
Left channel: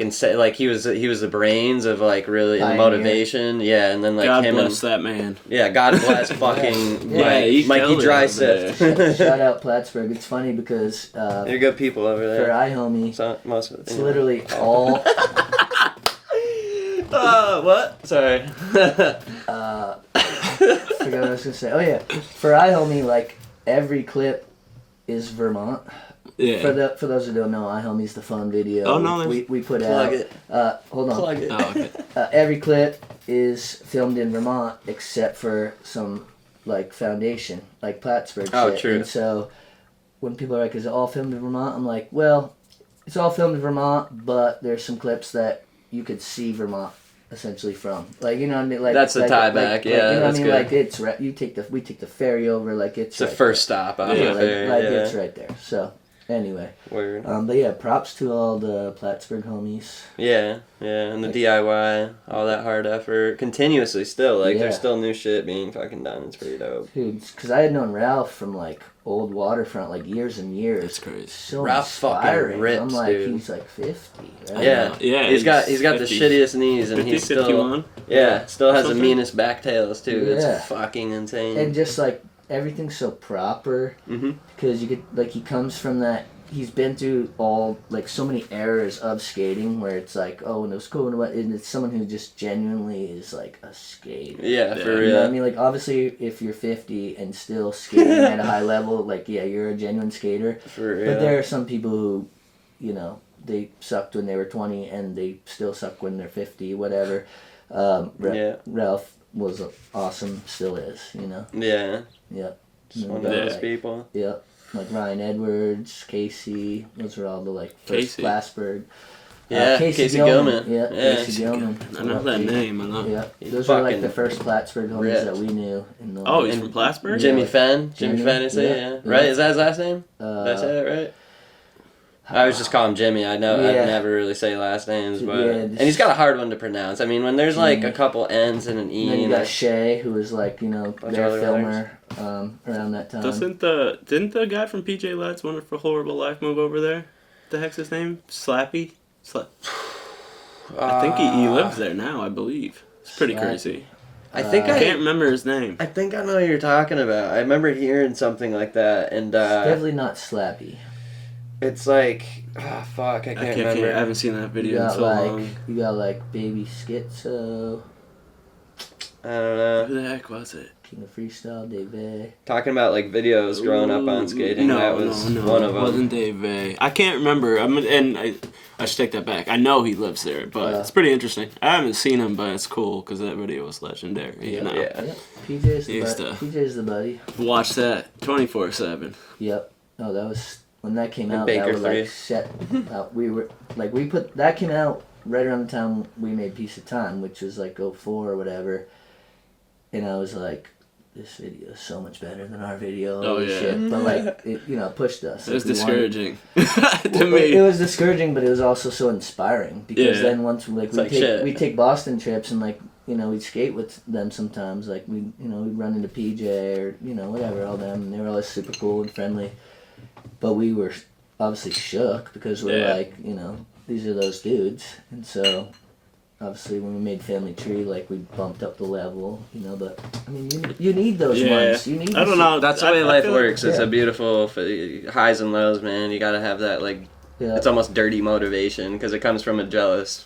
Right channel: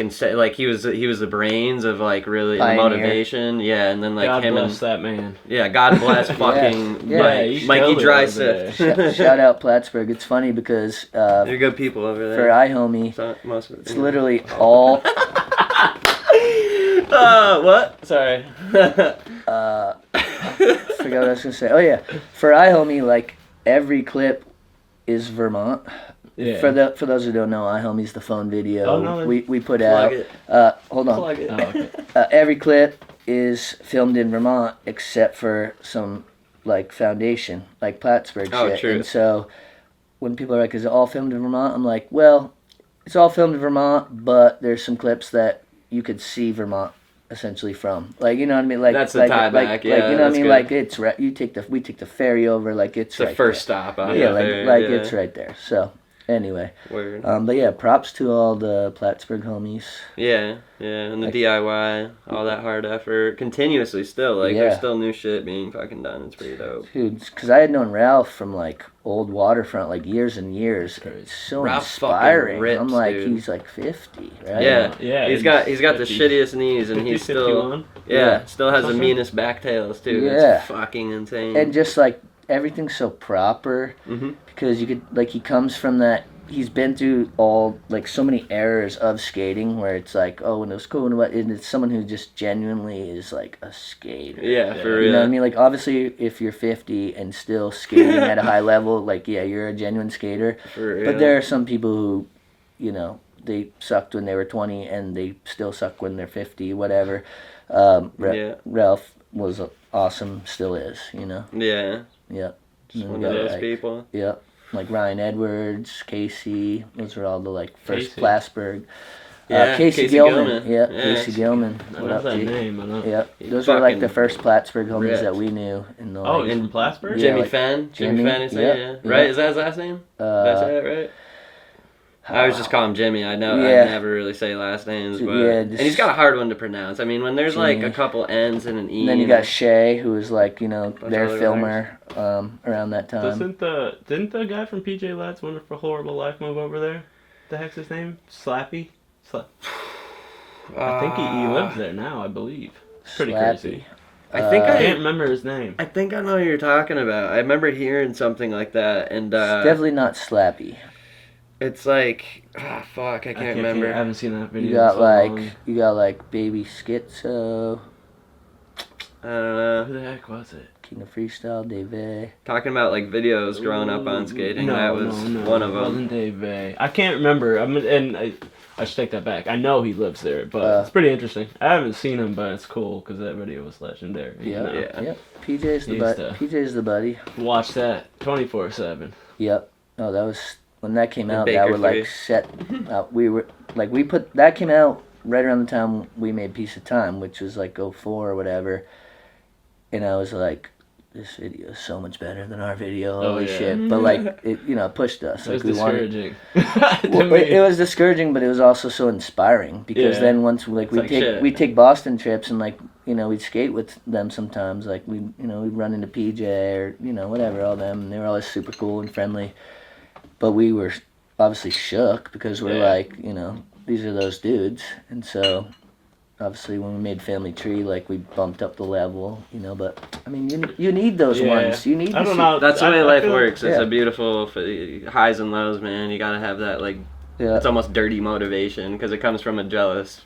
he was the brains of like really the Pioneer. motivation. Yeah, and then like God him bless and that man. yeah, God bless fucking Yeah, he Mikey killed it Dry over Sift. there. Shout out Plattsburgh. It's funny because They're good people over for there. iHomie, So, most of it's literally all. What? Sorry. Forgot what I was gonna say. Oh yeah, for iHomie, like every clip is Vermont. Yeah. For those who don't know, iHomie's the phone video. Oh, no, we put Plug out. it. Hold on. Plug it. Oh, okay. Every clip is filmed in Vermont except for some like foundation, like Plattsburgh Oh, shit. true. And so when people are like, "Is it all filmed in Vermont?" I'm like, "Well, it's all filmed in Vermont, but there's some clips that you could see Vermont essentially from, like, you know what I mean, like That's the like, tie like, back, like, yeah, you know what I that's mean, good. like it's right. We take the ferry over, like it's It's the right first stop on there. the Yeah, ferry, like yeah. it's right there. So anyway, Word. but yeah, props to all the Plattsburgh homies. Yeah, and the Like- DIY, all that hard effort, continuously still, like, Yeah. there's still new shit being fucking done, it's pretty dope. Dude, because I had known Ralph from like old Waterfront, like years and years. That's crazy. It's so Ralph's fucking inspiring. rips, I'm like, dude. he's like 50, right? Yeah, Yeah, he's got he's the 50. shittiest knees, and 50, he's still, 51? still has the Something? meanest back tails, too, Yeah. it's fucking insane. And just like everything's so proper Mhm. because you could, like, he comes from that. He's been through all, like, so many eras of skating where it's like, oh, and it was cool, and it's someone who just genuinely is like a skater. Yeah, Yeah. for You know real. what I mean? Like, obviously, if you're 50 and still skating at a high level, like, yeah, you're a genuine skater. For real. But there are some people who, you know, they sucked when they were 20 and they still suck when they're 50, whatever. Yeah. Ralph was awesome, still is, you know? Yeah, Yep. just And one we of got, those like, people. Yep. Like Ryan Edwards, Casey, those are all the, like, first Casey. Plattsburgh. Yeah, Casey Gilman. Gilman. Yeah, Yeah, Casey Gilman. I know that name. I know. Yeah, He's those are like fucking the first Plattsburgh homies ripped. that we knew. In the, Oh, like, he's from Plattsburgh? Yeah, Jimmy like Fenn? Jimmy, Jimmy Fenn is it? yeah, Yeah. yeah. Right, is that his last name? Did I say it right? I was just calling him Jimmy. I Yeah. never really say last names, but Yeah, and he's got a hard one to pronounce. I mean, when there's like a couple N's and an E. And then you got Shay, who was like, you know, their of filmer around that time. Didn't the guy from PJ Ladd's Wonderful Horrible Life move over there? The heck's his name? Slappy? I think he lives there now, I believe. It's pretty Slappy. crazy. I think I can't remember his name. I think I know what you're talking about. I remember hearing something like that, and Definitely not Slappy. it's like, fuck, I can't remember. I haven't seen that video. You in got so like long. Baby Schizo, I don't know. Who the heck was it? King of Freestyle, Dave. Talking about like videos growing up on skating. No, that was no, one of it them. wasn't Dave A. I can't remember. I should take that back. I know he lives there, but it's pretty interesting. I haven't seen him, but it's cool because that video was legendary. You know? Yeah. Yep. PJ's the Used buddy. to. PJ's the buddy. Watch that 24/7. Yep. Oh, that was when that came The out. Baker That would like Three. set. We were like that came out right around the time we made Piece of Time, which was like 04 or whatever. And I was like, this video is so much better than our video. Oh, Holy yeah. shit! But like, it, pushed us. It was Like, we wanted- discouraging. Well, it was discouraging, but it was also so inspiring because Yeah. then once like we take Boston trips and like we'd skate with them sometimes, like we'd run into PJ or whatever, all them, and they were always super cool and friendly, but we were obviously shook because we're like these are those dudes, and so obviously when we made Family Tree, like we bumped up the level, but I mean you need those ones. You need. I don't know. That's the way life works. It's yeah. a beautiful highs and lows, man. You gotta have that it's almost dirty motivation because it comes from a jealous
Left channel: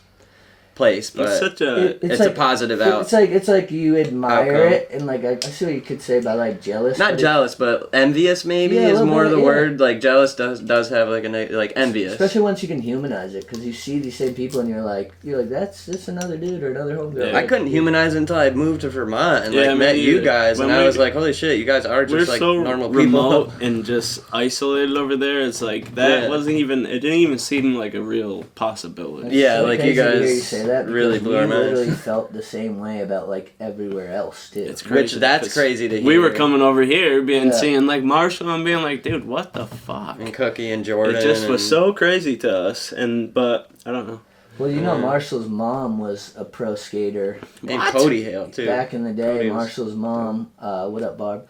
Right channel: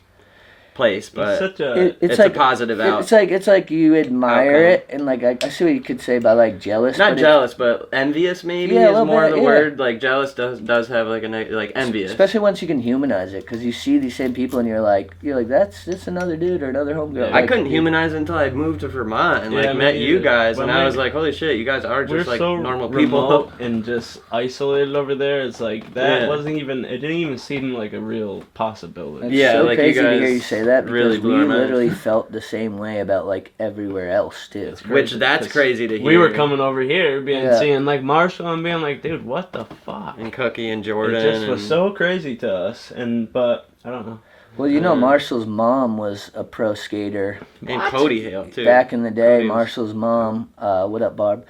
place, but It's such a. it's like, a positive out. It's like you admire outcome. it, and like I see what you could say about like jealous. Not but jealous, but envious maybe Yeah, a is little more bit, the yeah. word. Like jealous does have like envious. Especially once you can humanize it, because you see these same people and you're like that's another dude or another homegirl. Yeah. I couldn't humanize it until I moved to Vermont and Yeah, me met you either. guys, When and I we- was like, holy shit, you guys are We're just like so normal people. remote and just isolated over there. It's like that Yeah. wasn't even. It didn't even seem like a real possibility. It's Yeah, so like, you crazy to guys hear you say that because really blew you our minds. literally felt the same way about like everywhere else too. It's Which crazy, that's 'cause crazy to hear. We were coming over here, Yeah. seeing like Marshall and being like, dude, what the fuck? and Cookie and Jordan. It just was and- so crazy to us, but I don't know. Well, Marshall's mom was a pro skater And Cody Hale too. back in the day. Cody was- Marshall's mom, what up, Barb?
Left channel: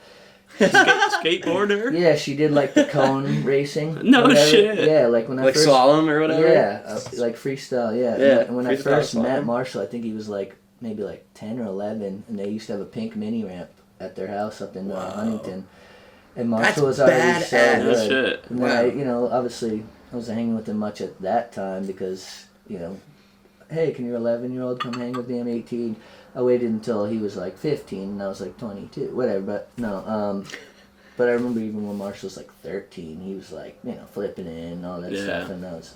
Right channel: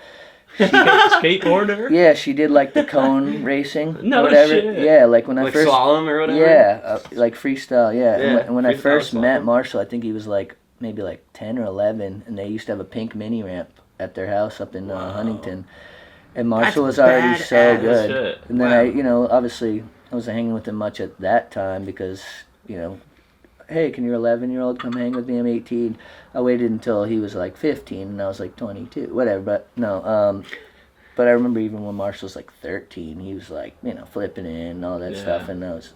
Skateboarder? Yeah, she did like the cone racing. No or whatever. shit. Yeah, like when I like first. slalom or whatever. Yeah, like freestyle. Yeah. Yeah, And when I freestyle first met slalom. Marshall, I think he was like maybe like 10 or 11, and they used to have a pink mini ramp at their house up in Huntington. And Marshall was already so badass. good. Shit. And then obviously I wasn't hanging with him much at that time because, hey, can your 11-year-old come hang with me? I'm 18. I waited until he was like 15 and I was like 22, whatever. But no, but I remember even when Marshall was like 13, he was like, flipping in and all that Yeah. stuff. And I was,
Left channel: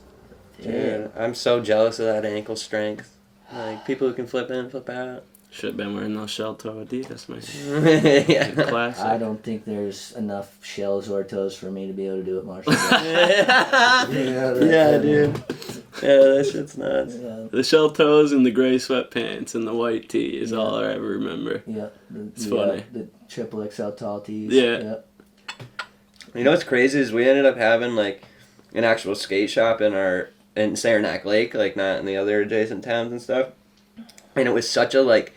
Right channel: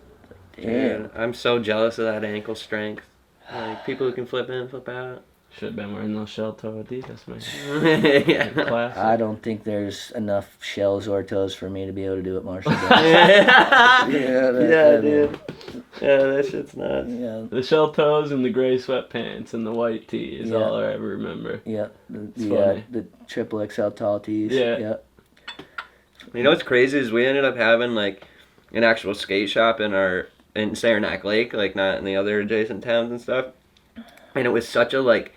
damn. Yeah, I'm so jealous of that ankle strength. Like people who can flip in, flip out. Should have been wearing those shell toe Adidas, man. yeah. Classic. I don't think there's enough shells or toes for me to be able to do what Marshall does. yeah, that's- dude. Yeah, that shit's nuts. Yeah. The shell toes and the gray sweatpants and the white tee is Yeah. all I ever remember. Yeah, It's funny. the triple XL tall tees. Yeah. You know what's crazy is we ended up having like an actual skate shop in Saranac Lake, like not in the other adjacent towns and stuff. And it was such a like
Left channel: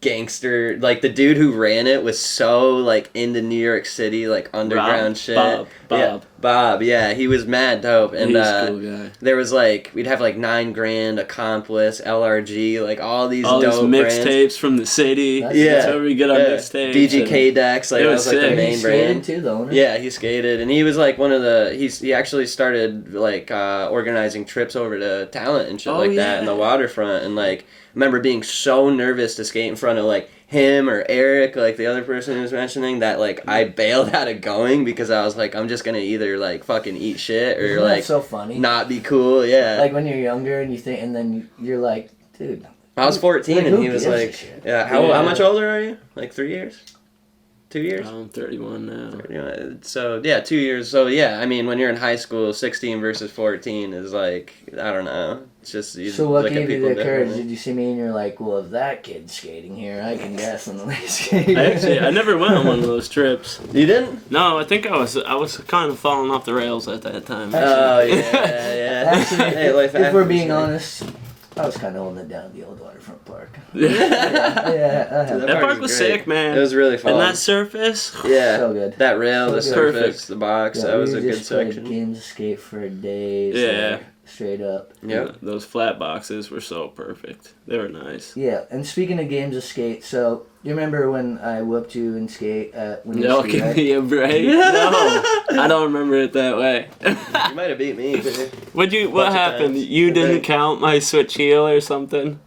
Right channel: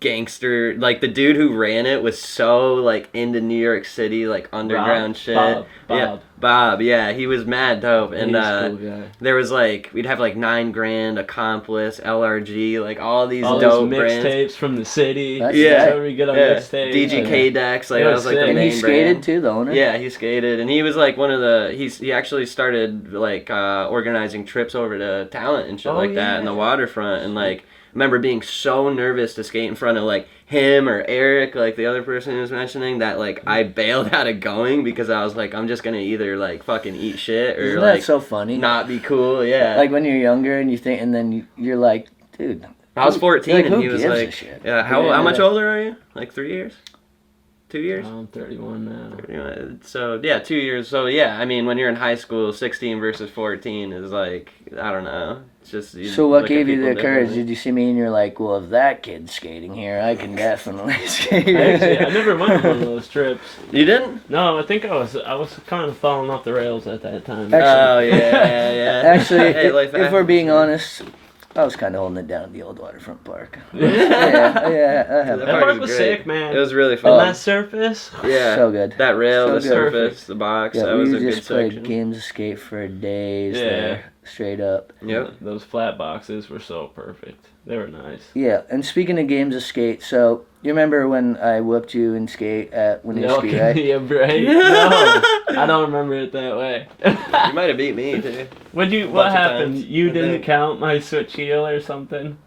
gangster, like the dude who ran it was so like into New York City, like underground Rob? shit. Bob. Yeah, Bob. Yeah, he was mad dope. And He's a cool guy. there was like we'd have like $9,000, Accomplice, LRG, like all these All these dope brands. mixtapes from the city. That's Yeah. That's where we get our Yeah. mixtapes. DGK decks, like It that was was like the sick. And main he skated brand. too, the owner. Yeah, he skated, and he was like one of the. He actually started like organizing trips over to Talent and shit Oh, like that in the yeah. waterfront, and like I remember being so nervous to skate in front of like him or Eric, like the other person who was mentioning that. Like I bailed out of going because I was like, I'm just gonna either like fucking eat shit or Isn't like that so funny? not be cool. Yeah, Like when you're younger and you think, and then you're like, dude. I was 14 like, and who he was gives a like, shit? yeah. How Yeah. much older are you? Like 3 years? 2 years? I'm 31 now. So yeah, 2 years. So yeah, I mean, when you're in high school, 16 versus 14 is like, I don't know. It's just. You So what look at gave you people the courage? differently. Did you see me and you're like, well, if that kid's skating here, I can definitely skate. I never went on one of those trips. You didn't? No, I think I was kind of falling off the rails at that time. Actually- Oh yeah. Actually, Hey, life if we're being happens. honest, I was kind of holding it down at the old waterfront park. Yeah. Yeah, I have. That That park park was was great. sick, man. It was really And fun. that surface. Yeah. So good. That rail, So the good. surface, the box. Yeah, that was we a good just played section. games of skate for days. Yeah. there, straight up. Yep. Those flat boxes were so perfect. They were nice. Yeah, and speaking of games of skate, so you remember when I whooped you in skate at when you No, were give right? me a break. No, I don't remember it that way. You might have beat me too. What bunch of happened? times. You didn't count my switch heel or something?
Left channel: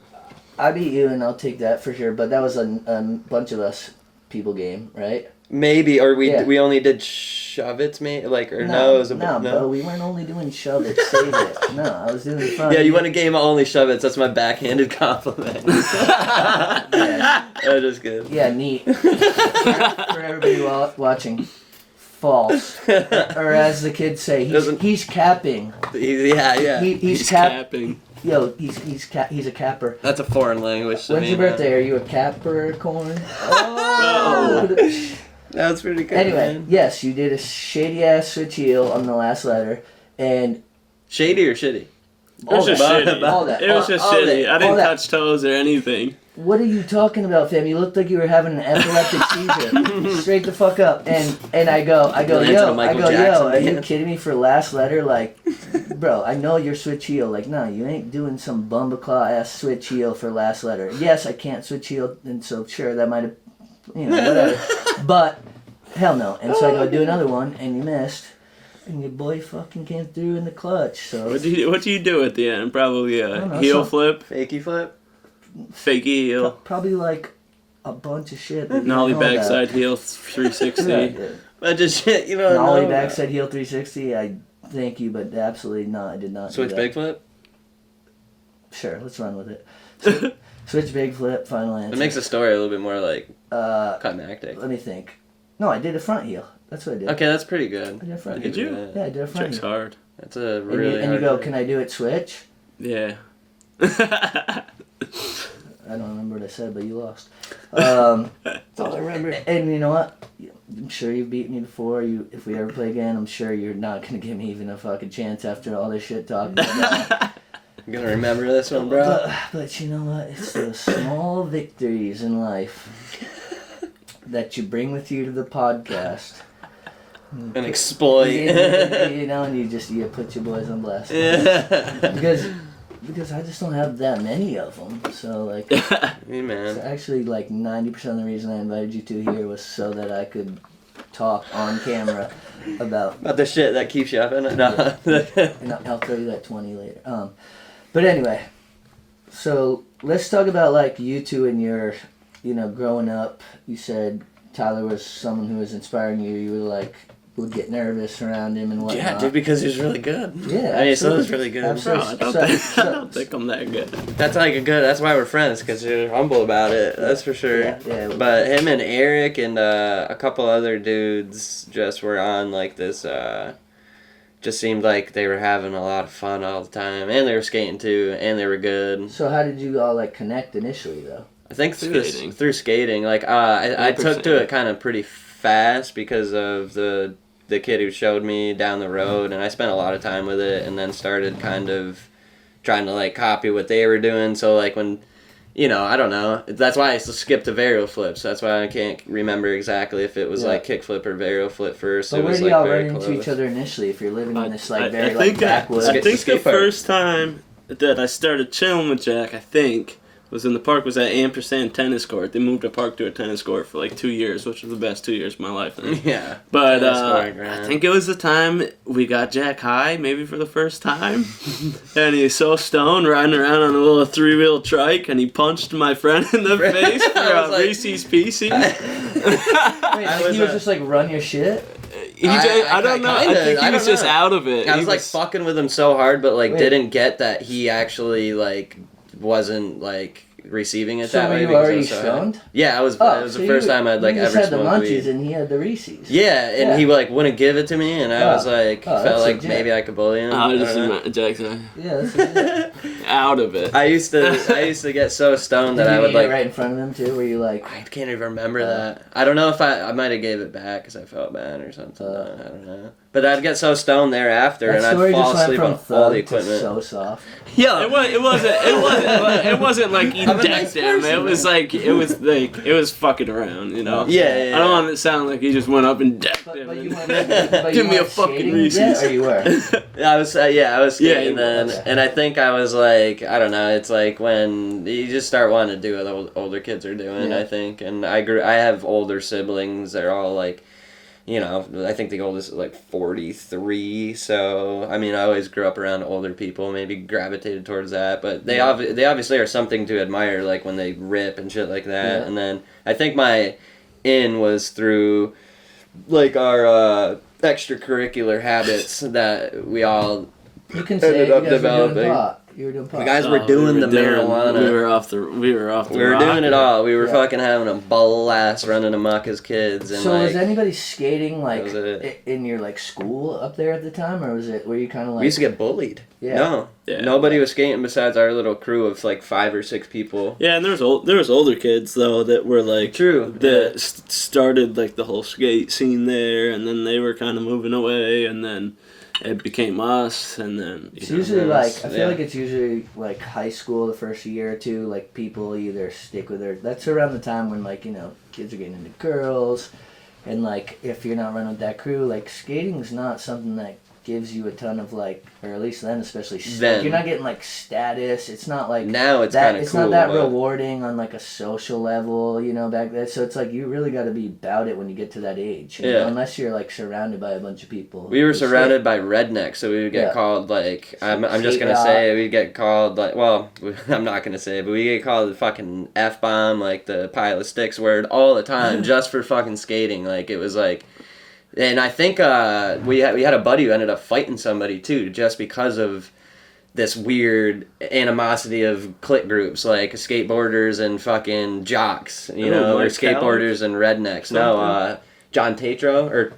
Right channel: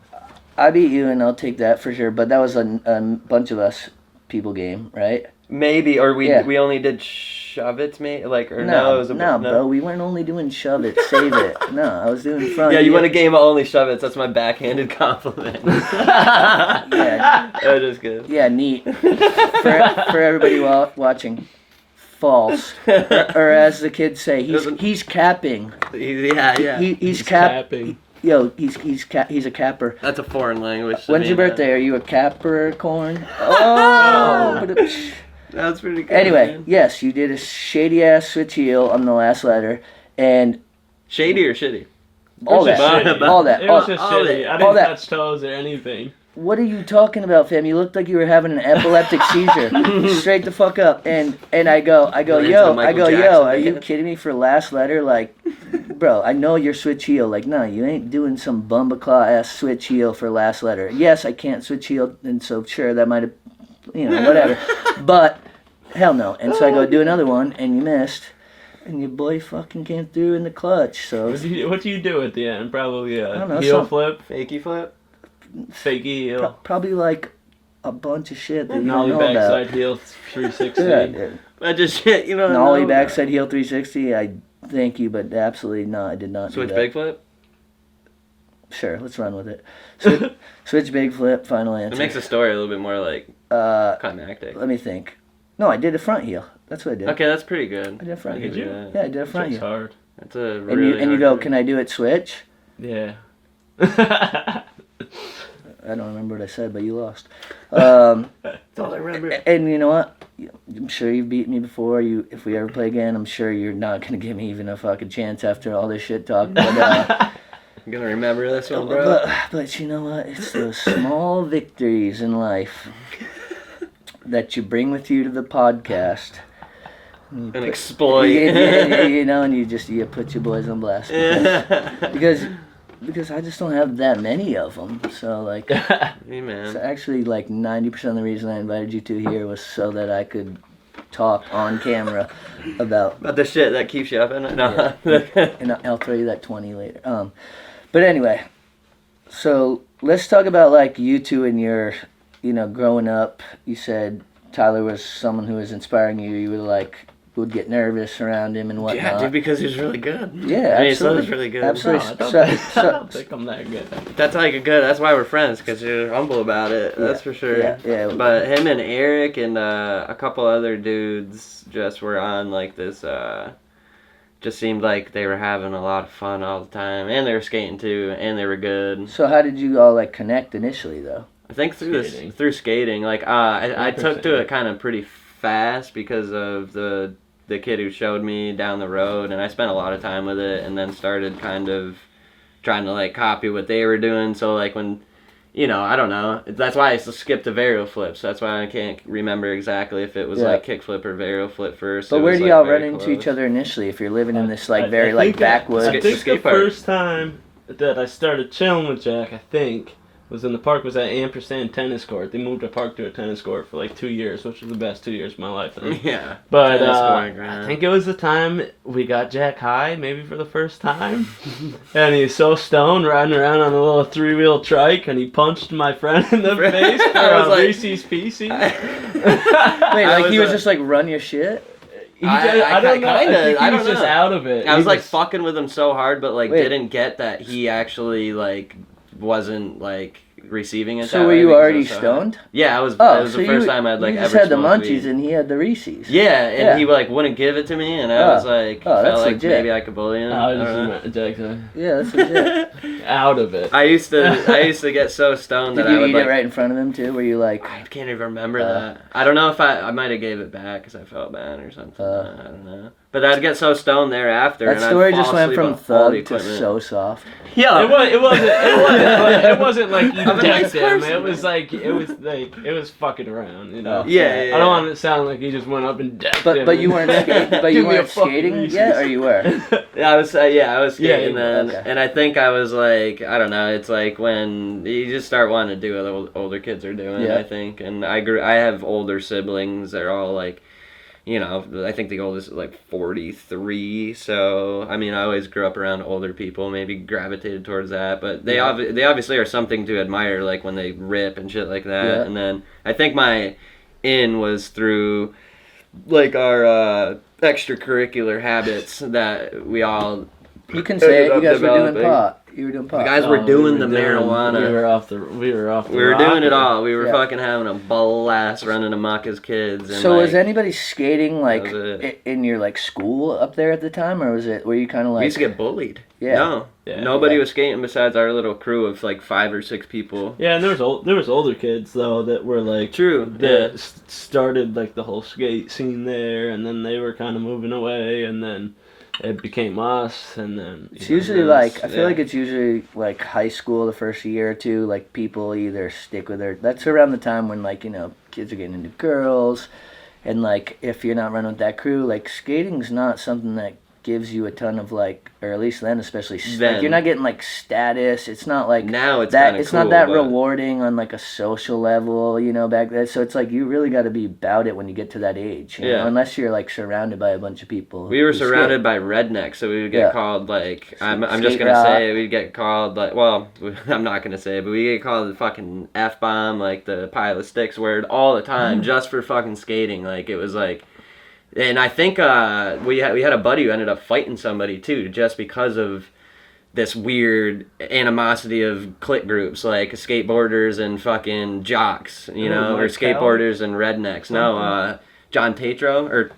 I beat you, and I'll take that for sure. But that was a bunch of us people game, right? Maybe, or we Yeah. we only did shove it, me like or no, it was a no, bro. We weren't only doing shove it, save it. No, I was doing front. Yeah, you won a game of only shove it. That's my backhanded compliment. Yeah. That was just good. Yeah, neat. For everybody watching, false. Or as the kids say, he's capping. Yeah. He's Capping. Yo, he's a capper. That's a foreign language. When's your birthday? Are you a Capricorn? Oh! That's pretty good. Anyway, man. yes, you did a shady ass switch heel on the last letter, and Shady or shitty? all that, shitty. all that. It was just shitty. I all didn't that. touch toes or anything. What are you talking about, fam? You looked like you were having an epileptic seizure. Straight the fuck up. And I go, yo, are you kidding me for last letter? Like, bro, I know you're switch heel. Like, nah, you ain't doing some bumbaclaw ass switch heel for last letter. Yes, I can't switch heel, and so sure, that might have, whatever. But, hell no. And so I go do another one, and you missed. And your boy fucking came through in the clutch. So What do you do at the end? Probably a heel flip, Fakey flip? fakey heel, probably like a bunch of shit. That you nollie don't know about. backside heel 360. Yeah. But just shit, Nollie no. backside heel 360. I thank you, but absolutely not. I did not. Switch do that. big flip? Sure, let's run with it. Switch big flip. Final answer. It makes the story a little bit more like climactic. Let me think. No, I did a front heel. That's what I did. Okay, that's pretty good. I did a front heel. Did you? Yeah, I did a front Trick's heel. hard. That's a And really you go, can I do it switch? Yeah. I don't remember what I said, but you lost. That's all I remember. And you know what? I'm sure you've beaten me before. If we ever play again, I'm sure you're not gonna give me even a fucking chance after all this shit talk. But, I'm gonna remember this one, bro. but you know what? It's those small victories in life that you bring with you to the podcast. And exploit. And you put your boys on blast. Because I just don't have that many of them. So, like, so actually, like, 90% of the reason I invited you two here was so that I could talk on camera about the shit that keeps you up in it. No. Yeah. And I'll tell you that 20 later. But anyway, so let's talk about, like, you two and your, growing up. You said Tyler was someone who was inspiring you. You were like, would get nervous around him and whatnot. Yeah, dude, because he was really good. Yeah, He absolutely. was really good. Absolutely. No, I don't think I'm that good. That's like that's why we're friends, because you're humble about it. That's for sure. Yeah. But him and Eric and a couple other dudes just were on like this. Just seemed like they were having a lot of fun all the time, and they were skating too, and they were good. So how did you all like connect initially, though? I think through skating. Like I took to it kind of pretty fast because of the kid who showed me down the road, and I spent a lot of time with it, and then started kind of trying to like copy what they were doing. So like when, I don't know. That's why I skipped the varial flips. That's why I can't remember exactly if it was like kick flip or varial flip first. But where do y'all run into each other initially if you're living in this like very backwoods? I think the first time that I started chilling with Jack, was in the park, was at Ampersand tennis court. They moved the park to a tennis court for like 2 years, which was the best 2 years of my life. Yeah. But I think it was the time we got Jack high, maybe for the first time. And he's so stoned, riding around on a little 3-wheel trike, and he punched my friend in the face for a Reese's Pieces. Wait, like he was just like, run your shit? I don't know. I think he was just out of it. I was like fucking with him so hard, but like didn't get that he actually like wasn't like receiving it. So were you already stoned? Yeah, I was. It was the first time I'd like you ever just had the smoked munchies weed. And he had the Reese's. Yeah, and he like wouldn't give it to me, and I was like, felt like maybe I could bully him. Jackson. Yeah, that's legit. Out of it. I used to get so stoned that I would eat it right in front of him too? Were you like? I can't even remember that. I don't know if I might have gave it back because I felt bad or something. I don't know. But I'd get so stoned thereafter. That and story I'd fall just went asleep from on all the thug to equipment. so soft. Yeah, it wasn't like you I'm a nice decked him. person. It was fucking around, Yeah. I don't want it to sound like you just went up and decked him. But you weren't. But Give you me a weren't fucking skating Reese's. yet, or you were? I was skating then, okay. and I think I was like, I don't know, it's like when you just start wanting to do what older kids are doing, Yeah. I think, and I have older siblings, they're all like, I think the oldest is like 43, so, I mean, I always grew up around older people, maybe gravitated towards that, but they obviously are something to admire, like when they rip and shit like that, Yeah. and then I think my in was through, like, our extracurricular habits that we all You can say it. You guys were doing pot. You were doing pot. The guys were doing the marijuana. We were off the. We were doing it all. We were fucking having a blast, running amok as kids. And so was anybody skating like in your like school up there at the time, or were you kind of like? We used to get bullied. Yeah. No. Yeah. Nobody was skating besides our little crew of like 5 or 6 people. Yeah, and there was older kids though that were like that started like the whole skate scene there, and then they were kind of moving away, and then it became us, and then it's usually like I feel like it's usually like high school the first year or two. Like people either stick with their. That's around the time when like kids are getting into girls, and like if you're not running with that crew, like skating's not something that gives you a ton of like, or at least then especially, like, you're not getting like status. It's not like now it's that. It's cool, not that rewarding on like a social level, back then. So it's like you really got to be about it when you get to that age, you know, unless you're like surrounded by a bunch of people. We were surrounded by rednecks, so we would get called like I'm just gonna say we get called like I'm not gonna say it, but we get called the fucking F-bomb, like the pile of sticks word all the time just for fucking skating. Like it was like. And I think we had a buddy who ended up fighting somebody too, just because of this weird animosity of clique groups like skateboarders and fucking jocks, or skateboarders and rednecks. No, John Tatro or.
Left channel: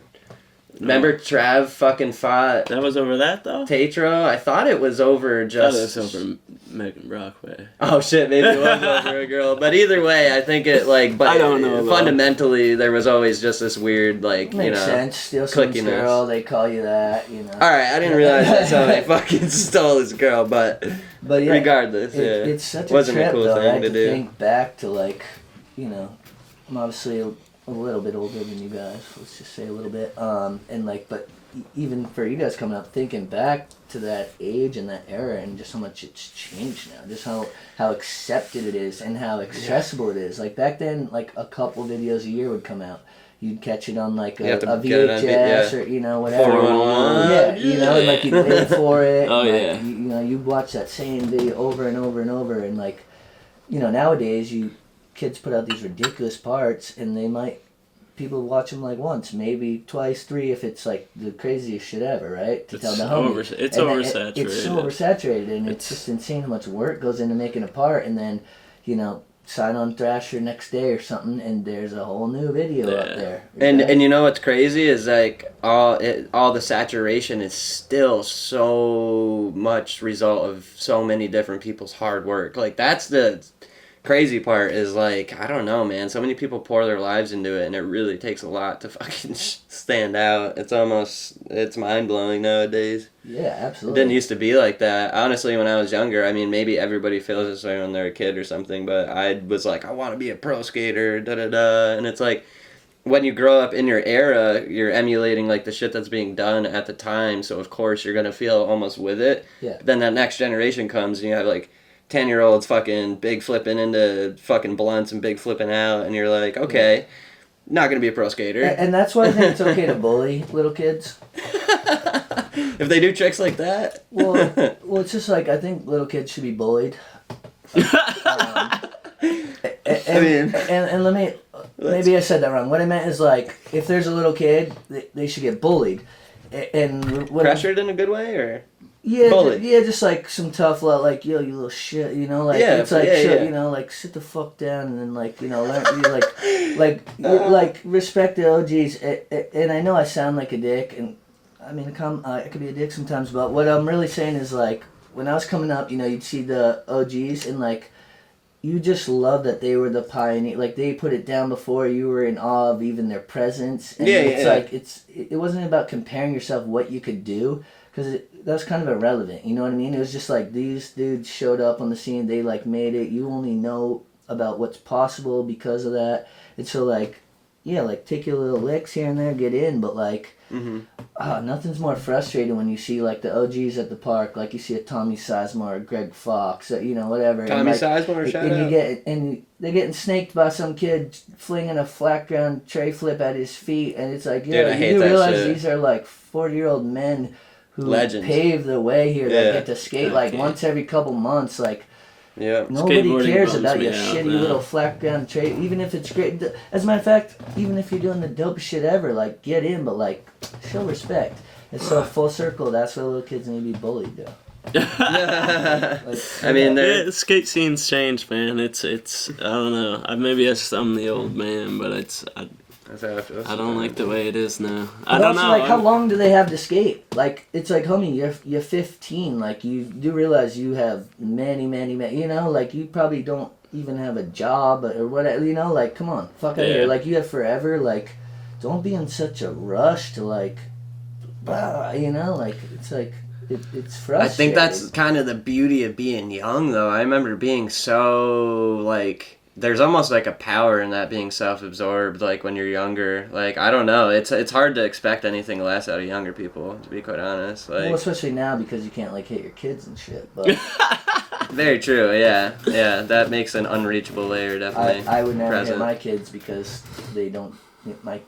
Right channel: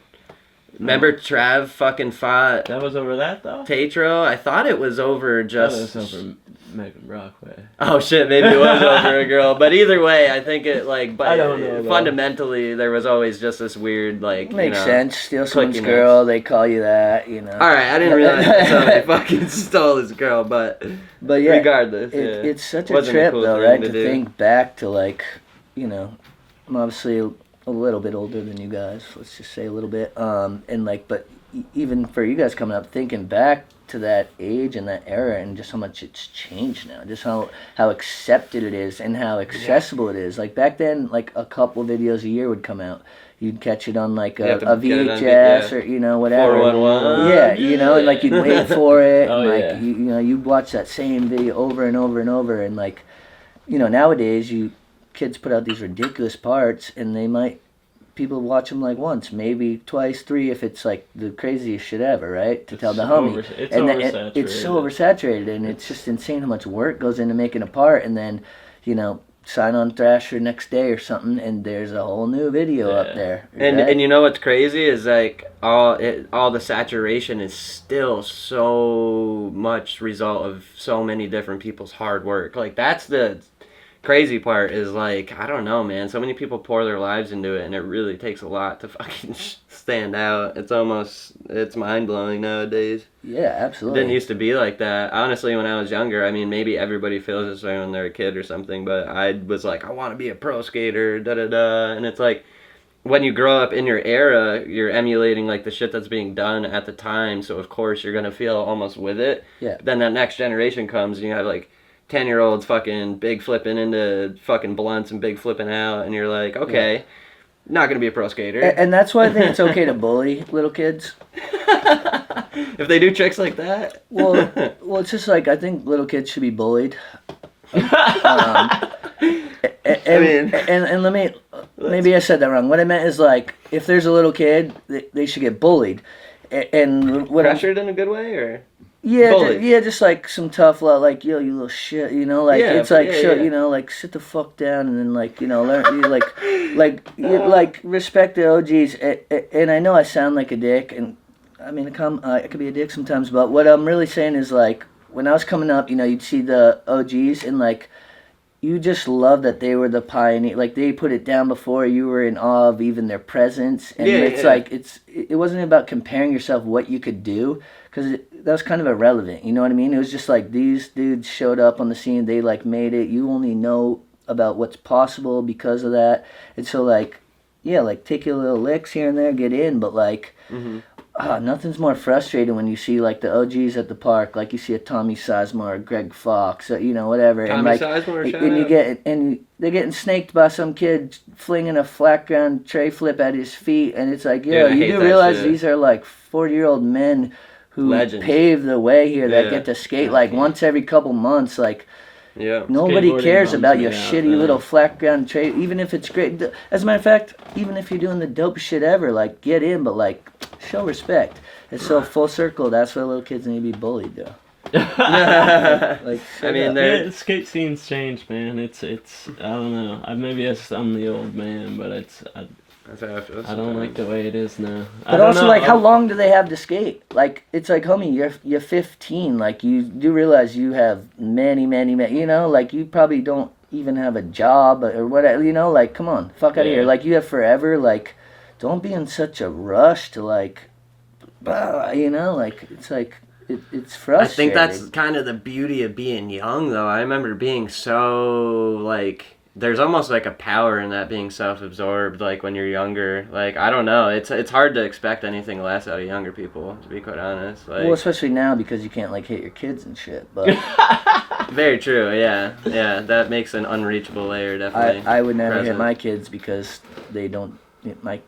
Remember Trav fucking fought. That was over that though. Tatro, I thought it was over just. That was over Megan Brockway. Oh shit, maybe it was over a girl, but either way, I think it like. But I don't know. Fundamentally, there was always just this weird like. Makes sense. Steal someone's girl, they call you that, All right, I didn't realize that somebody fucking stole his girl, but yeah, regardless, it's such a trip though, right? To think back to like, I'm obviously a little bit older than you guys. Let's just say a little bit. And like, but even for you guys coming up, thinking back to that age and that era, and just how much it's changed now, just how accepted it is and how accessible it is. Like back then, like a couple videos a year would come out. You'd catch it on like a VHS or whatever. 411. Yeah, and like you'd wait for it. Oh and, yeah. You watch that same video over and over and over, and like, nowadays kids put out these ridiculous parts, and people watch them like once, maybe twice, 3 if it's like the craziest shit ever, right? To tell the homie. It's oversaturated. It's so oversaturated, and it's just insane how much work goes into making a part, and then, sign on Thrasher next day or something, and there's a whole new video up there. And you know what's crazy is like all the saturation is still so much result of so many different people's hard work. Like that's the crazy part is like, I don't know, man, so many people pour their lives into it, and it really takes a lot to fucking stand out. It's mind-blowing nowadays. Yeah, absolutely. It didn't used to be like that. Honestly, when I was younger, I mean, maybe everybody feels this way when they're a kid or something, but I was like, I want to be a pro skater, da-da-da, and it's like, when you grow up in your era, you're emulating like the shit that's being done at the time, so of course you're going to feel almost with it. Yeah. But then that next generation comes, and you have like 10-year-olds fucking big flipping into fucking blunts and big flipping out, and you're like, okay, not gonna be a pro skater. And that's why I think it's okay to bully little kids. If they do tricks like that. Well, it's just like, I think little kids should be bullied. And let me, maybe I said that wrong. What I meant is like, if there's a little kid, they should get bullied. And pressured in a good way, or? Yeah, just like some tough love, like, yo, you little shit, it's like, like, sit the fuck down, and then like, learn, like respect the OGs, and I know I sound like a dick, and I mean, I could be a dick sometimes, but what I'm really saying is like, when I was coming up, you'd see the OGs, and like, you just love that they were the pioneer, like they put it down before, you were in awe of even their presence, and like, it wasn't about comparing yourself what you could do, because that was kind of irrelevant, you know what I mean? It was just like, these dudes showed up on the scene, they like made it, you only know about what's possible because of that, and so like, yeah, like take your little licks here and there, get in, but like, nothing's more frustrating when you see like the OGs at the park, like you see a Tommy Sizemore or Greg Fox, whatever. Tommy and, Sizemore, shout and out. They're getting snaked by some kid flinging a flat ground tray flip at his feet, and it's like, you do realize these are like 40-year-old men who pave the way here that get to skate like once every couple months, like. Yeah. Nobody cares about your shitty little flat ground trade, even if it's great. As a matter of fact, even if you're doing the dopest shit ever, like, get in, but, like, show respect. It's so full circle. That's why little kids need to be bullied, though. I mean, the skate scene's changed, man. It's I don't know. Maybe I'm the old man, but I don't like the way it is now. But also, like, how long do they have to skate? Like, it's like, homie, you're 15. Like, you do realize you have many, you know, like, you probably don't even have a job or whatever, you know, like, come on, fuck out of here. Like, you have forever, like, don't be in such a rush to, like, you know, like, it's like, it's frustrating. I think that's kind of the beauty of being young, though. I remember being so, like, there's almost like a power in that, being self-absorbed, like, when you're younger. Like, I don't know. It's hard to expect anything less out of younger people, to be quite honest. Like, well, especially now because you can't, like, hit your kids and shit. But very true, yeah. Yeah, that makes an unreachable layer, definitely. I would never hit my kids because they don't, my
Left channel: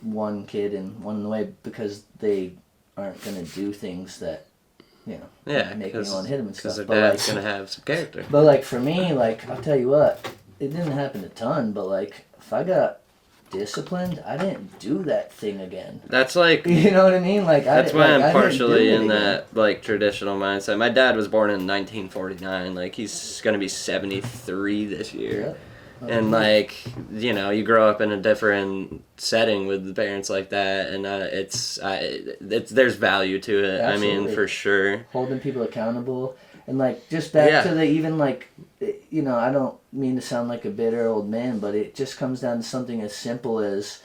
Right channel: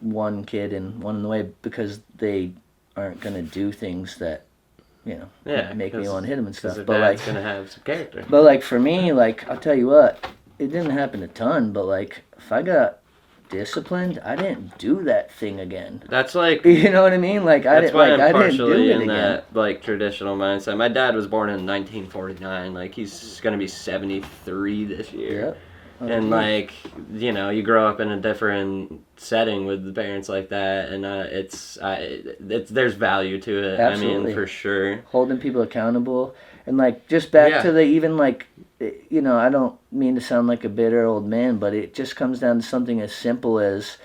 one kid and one in the way, because they aren't going to do things that, you know, make me want to hit them and stuff. But like, dad's gonna have some character. But like for me, like I'll tell you what, it didn't happen a ton. But like if I got disciplined, I didn't do that thing again. That's like, you know what I mean? Like that's why I'm partially in again. that like traditional mindset. My dad was born in 1949. Like he's gonna be 73 this year. Yep. And like, you know, you grow up in a different setting with the parents like that, and it's there's value to it. Absolutely. I mean, for sure. Holding people accountable, and like just back to the even like, you know, I don't mean to sound like a bitter old man, but it just comes down to something as simple as,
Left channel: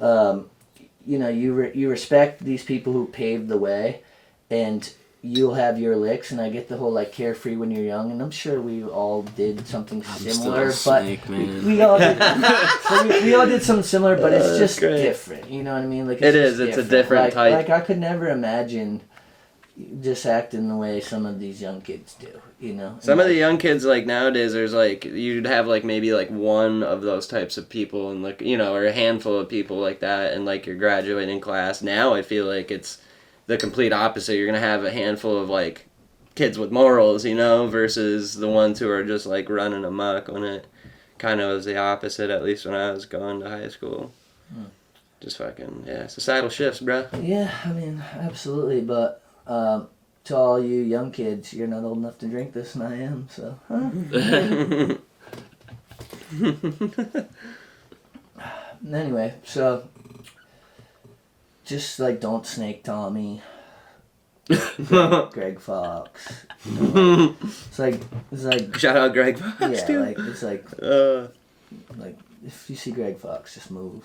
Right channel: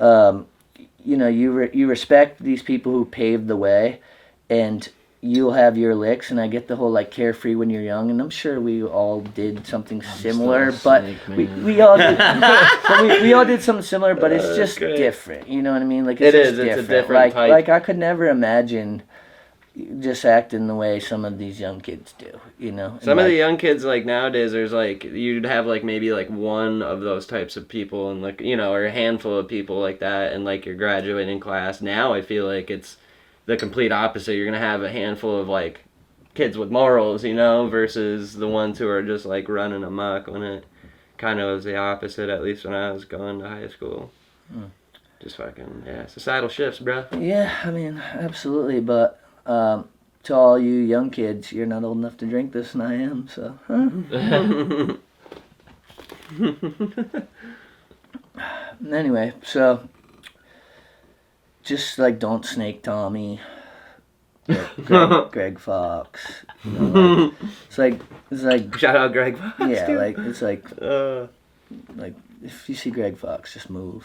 you know, you respect these people who paved the way, and you'll have your licks, and I get the whole like carefree when you're young, and I'm sure we all did something similar, but we all did. So we all did something similar, but it's just different. You know what I mean? Like it's a different type. Like I could never imagine just acting the way some of these young kids do. You know, some of the young kids like nowadays, there's like you'd have like maybe like one of those types of people, and like, you know, or a handful of people like that, and like your graduating class. Now I feel like it's the complete opposite. You're gonna have a handful of like kids with morals, you know, versus the ones who are just like running amok, when it kind of was the opposite, at least when I was going to high school. Just fucking, societal shifts, bro. Yeah, I mean, absolutely, but to all you young kids, you're not old enough to drink this, and I am, so. Anyway, so just like don't snake Tommy, Greg Fox. You know, like, it's like shout out Greg Fox. Yeah, dude. like it's like if you see Greg Fox, just move.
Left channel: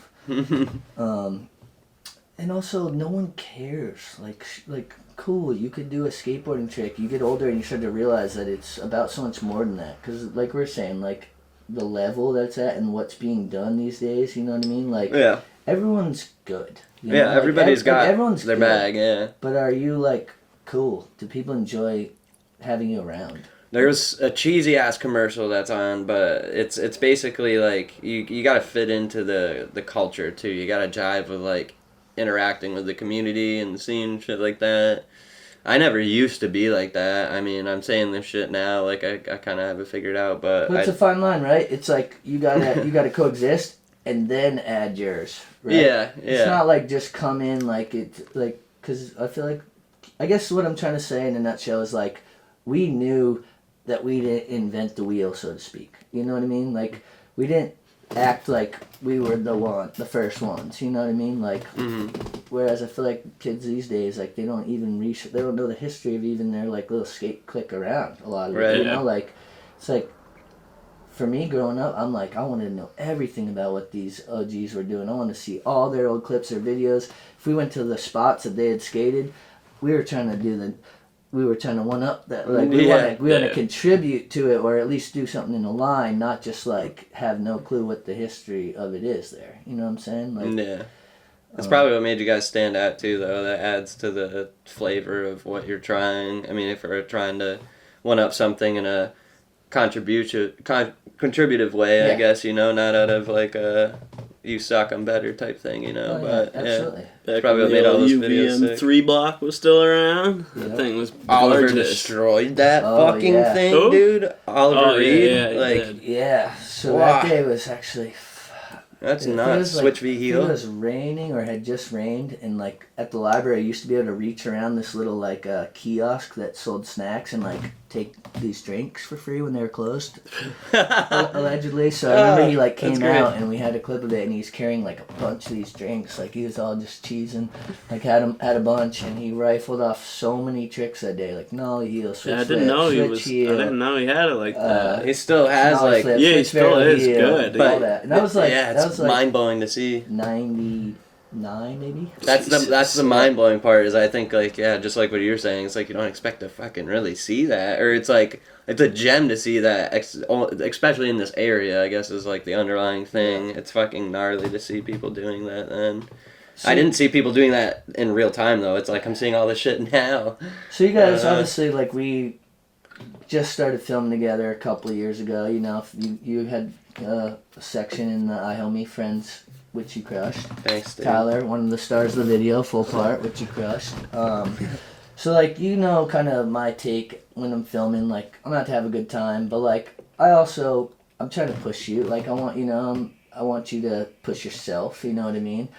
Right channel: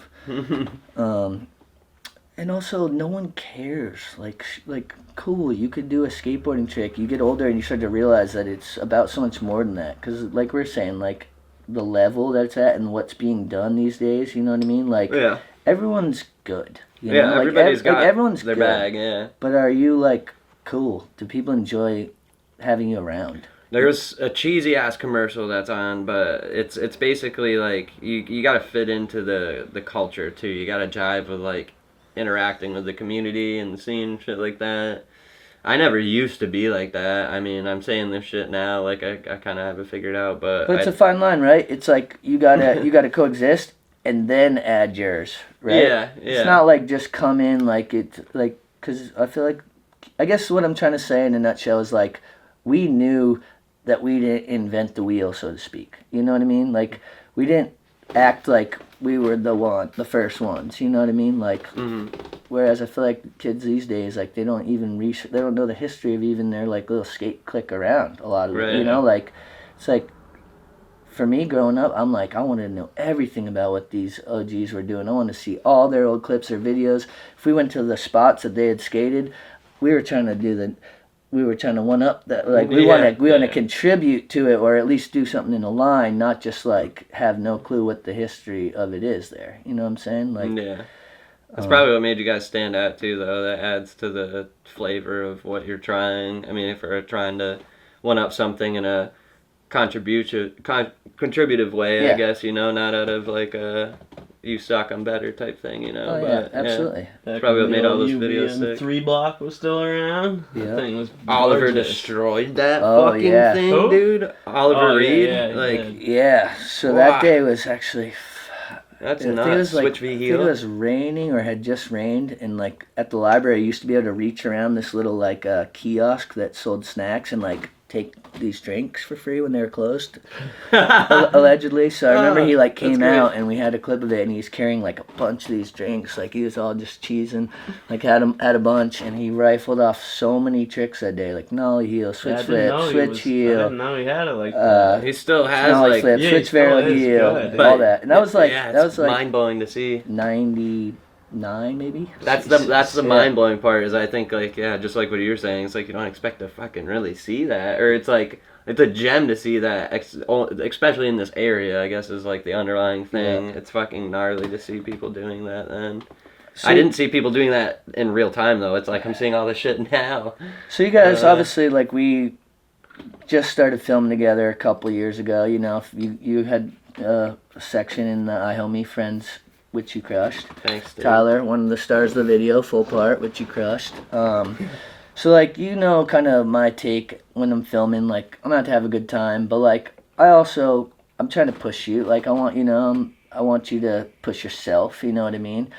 And also, no one cares. Like cool, you could do a skateboarding trick. You get older and you start to realize that it's about so much more than that. Because like we're saying, like the level that's at and what's being done these days. You know what I mean? Like everyone's good. You know? Like, everybody's got everyone's their good, bag, yeah. But are you, like, cool? Do people enjoy having you around? There's a cheesy ass commercial that's on, but it's basically like you gotta fit into the culture too. You gotta jive with like interacting with the community and the scene, shit like that. I never used to be like that. I mean, I'm saying this shit now, like I kind of have it figured out, but it's a fine line, right? It's like you gotta coexist and then add yours, right? Yeah. It's not like just come in like it's like, because I feel like, I guess what I'm trying to say in a nutshell is like we knew that we didn't invent the wheel, so to speak. You know what I mean? Like we didn't act like we were the first ones. You know what I mean? Like, whereas I feel like kids these days, like they don't even they don't know the history of even their like little skate click around. A lot of it, you know, like it's like. For me, growing up, I'm like, I wanted to know everything about what these OGs were doing. I want to see all their old clips or videos. If we went to the spots that they had skated, we were trying to one up that. Like we want to contribute to it, or at least do something in a line, not just like have no clue what the history of it is there. You know what I'm saying? Like, that's probably what made you guys stand out too, though. That adds to the flavor of what you're trying. I mean, if we're trying to one up something in a contributive way, I guess, you know, not out of like a you suck, I'm better type thing, you know. But absolutely. That's probably what made all those videos sick. 3 block was still around. That thing was Oliver gorgeous. destroyed that fucking thing, dude. Oliver Reed. So that day was actually, That's I think not switch v I think heel. it was raining or had just rained, and like at the library, I used to be able to reach around this little like kiosk that sold snacks and like take these drinks for free when they were closed, allegedly. So I remember he like came out and we had a clip of it, and he's carrying like a bunch of these drinks, like he was all just cheesing, like had a bunch, and he rifled off so many tricks that day, like nollie heel, switch flip, switch heel. I didn't know he had it like that. He still has nollie like flip, yeah, he switch still barrel is heel, good. all that, and that was like that was like mind blowing to see. 99 maybe. That's the mind blowing part is I think like just like what you were saying, it's like you don't expect to fucking really see that, or it's like it's a gem to see that, especially in this area. I guess is like the underlying thing. Yeah. It's fucking gnarly to see people doing that. Then I didn't see people doing that in real time though. It's like I'm seeing all this shit now. So you guys obviously like we just started filming together a couple of years ago. You know, you had a section in I Homie Friends, which you crushed. Thanks, dude. Tyler, one of the stars of the video, full part, which you crushed. So like you know, kind of my take when I'm filming. Like I'm out to have a good time, but like I'm trying to push you. Like I want you to push yourself. You know what I mean?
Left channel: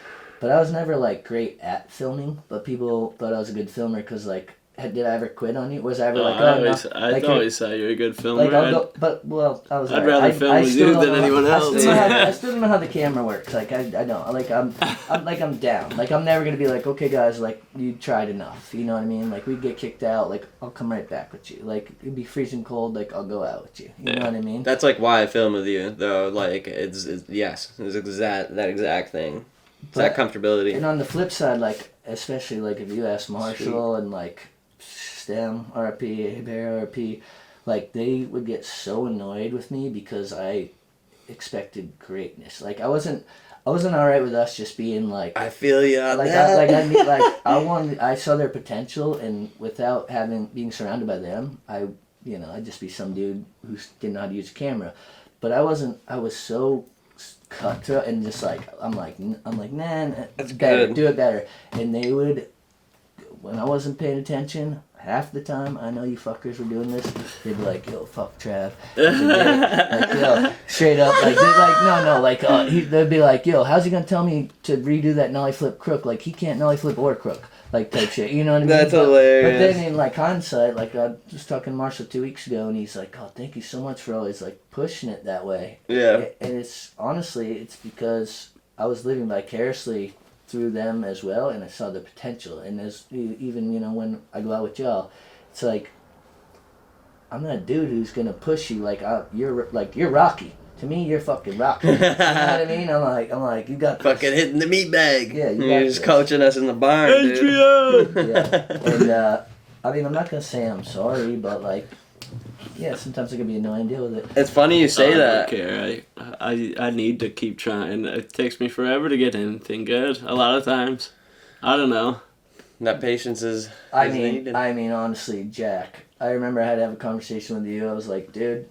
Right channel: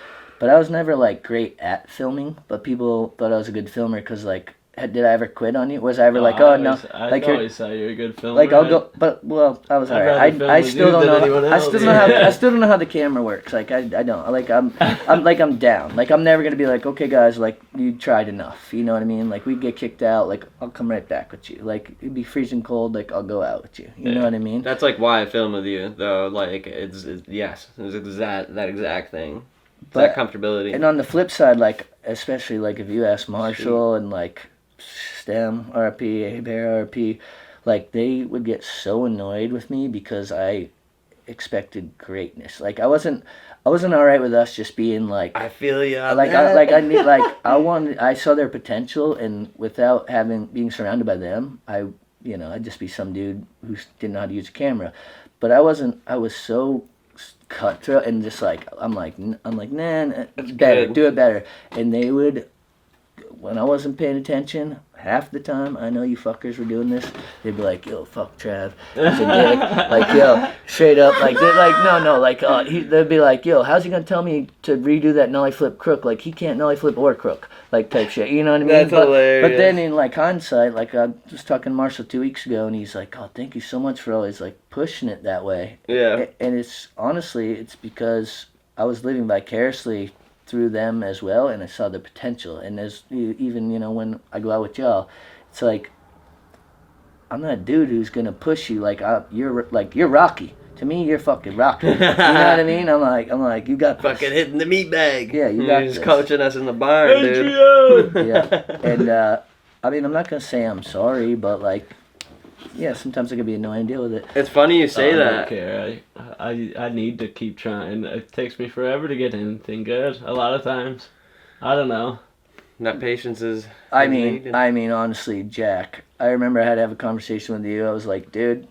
But I was never like great at filming. But people thought I was a good filmer because like. Did I ever quit on you? Was I ever like, oh no? I always said you're a good filmer. Like I'll go, but well, I was alright. I still don't know. I still don't know how the camera works. Like I don't. Like I'm down. Like I'm never gonna be like, okay guys, like you tried enough. You know what I mean? Like we get kicked out. Like I'll come right back with you. Like it'd be freezing cold. Like I'll go out with you. You know what I mean? That's like why I film with you though. Like it's that exact thing. It's that comfortability. And on the flip side, like especially like if you ask Marshall and like. STEM, RP, Bear RP, like they would get so annoyed with me because I expected greatness. Like I wasn't alright with us just being like. I feel you. I saw their potential, and without being surrounded by them, I'd just be some dude who didn't know how to use a camera. But I wasn't. I was so cutthroat and just like I'm like nah, it's better, do it better, and they would. When I wasn't paying attention, half the time, I know you fuckers were doing this, they'd be like, yo, fuck Trav. Like, yo, straight up, like, they're like, no, like, they'd be like, yo, how's he gonna tell me to redo that nollie flip crook? Like, he can't nollie flip or crook, like, type shit, you know what I mean? That's hilarious. But then in, like, hindsight, like, I was talking to Marshall 2 weeks ago, and he's like, oh, thank you so much for always, like, pushing it that way. Yeah. And it's, honestly, it's because I was living vicariously through them as well, and I saw the potential. And there's even when I go out with y'all, it's like I'm not a dude who's gonna push you like you're Rocky. To me, you're fucking Rocky. You know what I mean? I'm like you got fucking this. hitting the meat bag. Yeah, you got He's this. coaching us in the barn, dude. Yeah, and I mean I'm not gonna say I'm sorry, but like. Yeah, sometimes I can be annoying. Deal with it. It's funny you say that. I don't care. I need to keep trying. It takes me forever to get anything good. A lot of times, I don't know. That patience is. I mean, honestly, Jack. I remember I had to have a conversation with you. I was like, dude,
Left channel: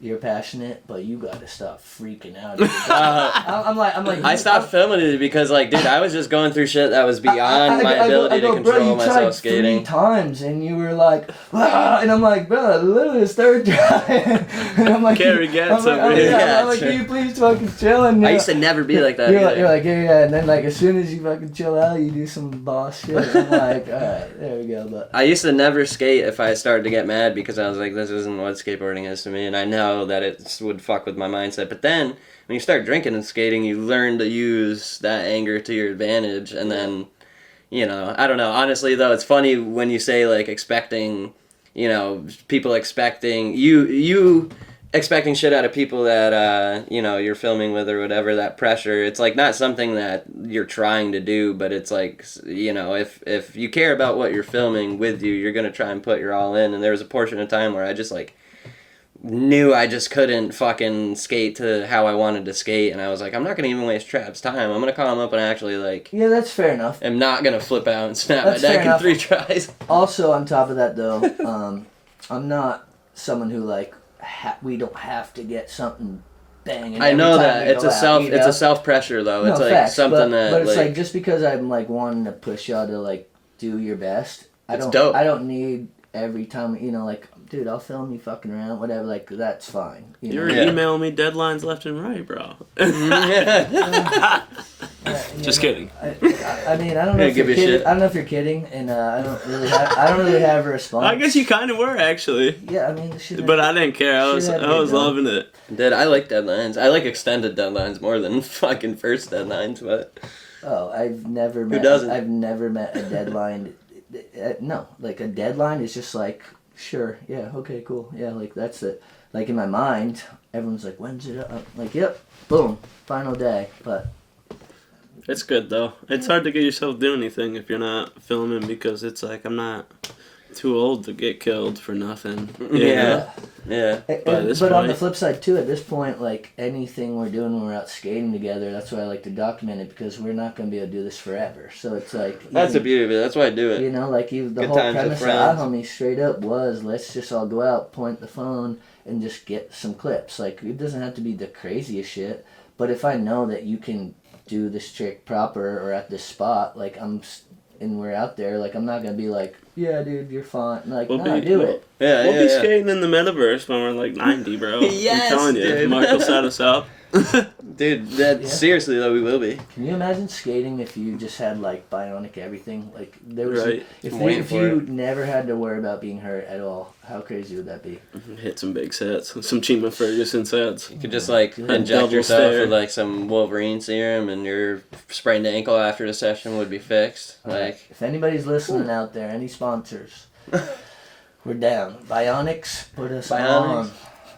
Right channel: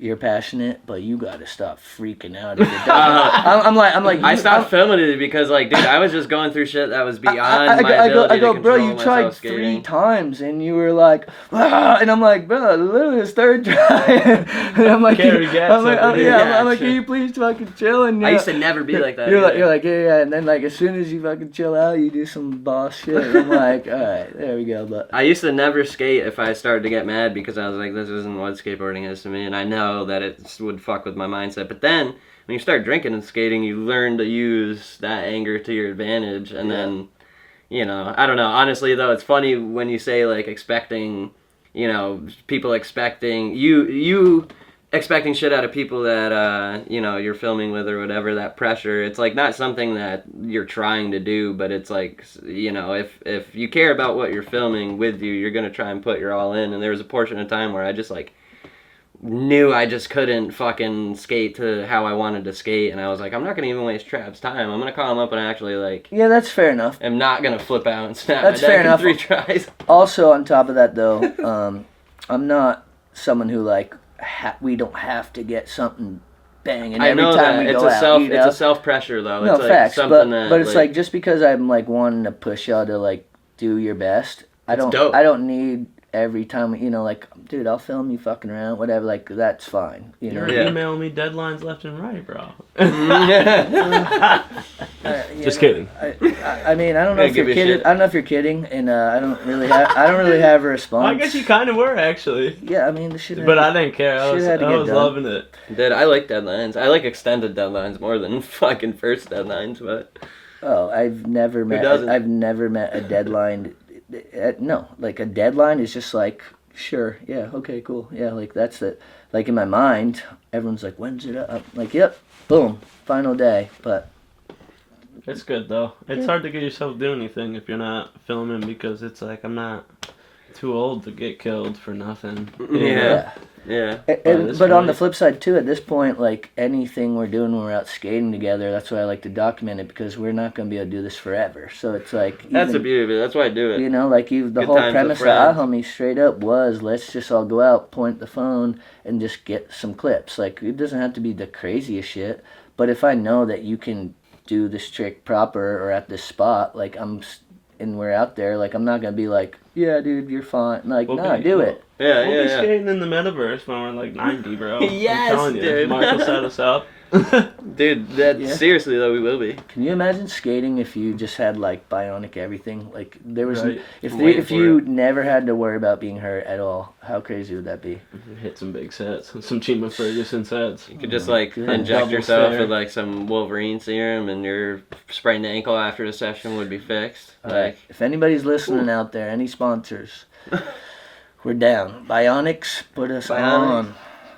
you're passionate, but you gotta stop freaking out. I'm like. I stopped filming it because, like, dude, I was just going through shit that was beyond my ability to control bro, you myself tried skating. 3 times, and you were like, ah, and I'm like, bro, literally the third try. And I'm like, can you please fucking chill? And I used to never be like that. You're like, yeah, and then like as soon as you fucking chill out, you do some boss shit. And I'm like, all right, there we go. But I used to never skate if I started to get mad because I was like, this isn't what skateboarding is to me, and I know that it would fuck with my mindset. But then when you start drinking and skating, you learn to use that anger to your advantage, and then I don't know. Honestly though, it's funny when you say like expecting people expecting you expecting shit out of people that you're filming with or whatever. That pressure, it's like not something that you're trying to do, but it's like if you care about what you're filming with you're gonna try and put your all in. And there was a portion of time where I just like knew I just couldn't fucking skate to how I wanted to skate, and I was like, I'm not gonna even waste Trav's time. I'm gonna call him up and actually like. Yeah, that's fair enough. I'm not gonna flip out and snap that's my fair neck enough. in 3 tries. Also, on top of that though, I'm not someone who like we don't have to get something banging. I know every time that we go it's a self pressure though. No, it's like facts, something but it's like just because I'm like wanting to push y'all to like do your best. I don't need every time, you know, like, dude, I'll film you fucking around, whatever, like, that's fine. You know? You're emailing me deadlines left and right, bro. Just kidding. I mean, I don't know if you're kidding. I don't know if you're kidding, and I don't really have a response. I guess you kind of were, actually. Yeah, I mean, the shit. But I didn't care. I was loving it. Dude, I like deadlines. I like extended deadlines more than fucking first deadlines, but. Oh, I've never met a deadline. No, like a deadline is just like, sure, yeah, okay, cool, yeah, like that's it. Like in my mind, everyone's like, when's it up? Like, yep, boom, final day. But it's good though. It's hard to get yourself doing anything if you're not filming, because it's like, I'm not too old to get killed for nothing. Yeah. But on the flip side too, at this point, like anything we're doing when we're out skating together, that's why I like to document it, because we're not going to be able to do this forever. So it's like, that's the beauty of it. That's why I do it. You know, like the whole premise of Our Homie straight up was, let's just all go out, point the phone, and just get some clips. Like, it doesn't have to be the craziest shit, but if I know that you can do this trick proper or at this spot, like and we're out there, like, I'm not going to be like, yeah, dude, you're fine. Like, do it. We'll be skating in the metaverse when we're like 90, bro. Yes, I'm telling you. dude. Marco set us up. Dude, seriously though, we will be. Can you imagine skating if you just had like bionic everything? Like there was, if you never had to worry about being hurt at all, how crazy would that be? Hit some big sets, some Chima Ferguson sets. You could just like inject yourself with like some Wolverine serum, and your sprained ankle after the session would be fixed. Like, if anybody's listening out there, any sponsors, we're down. Bionics, put us on.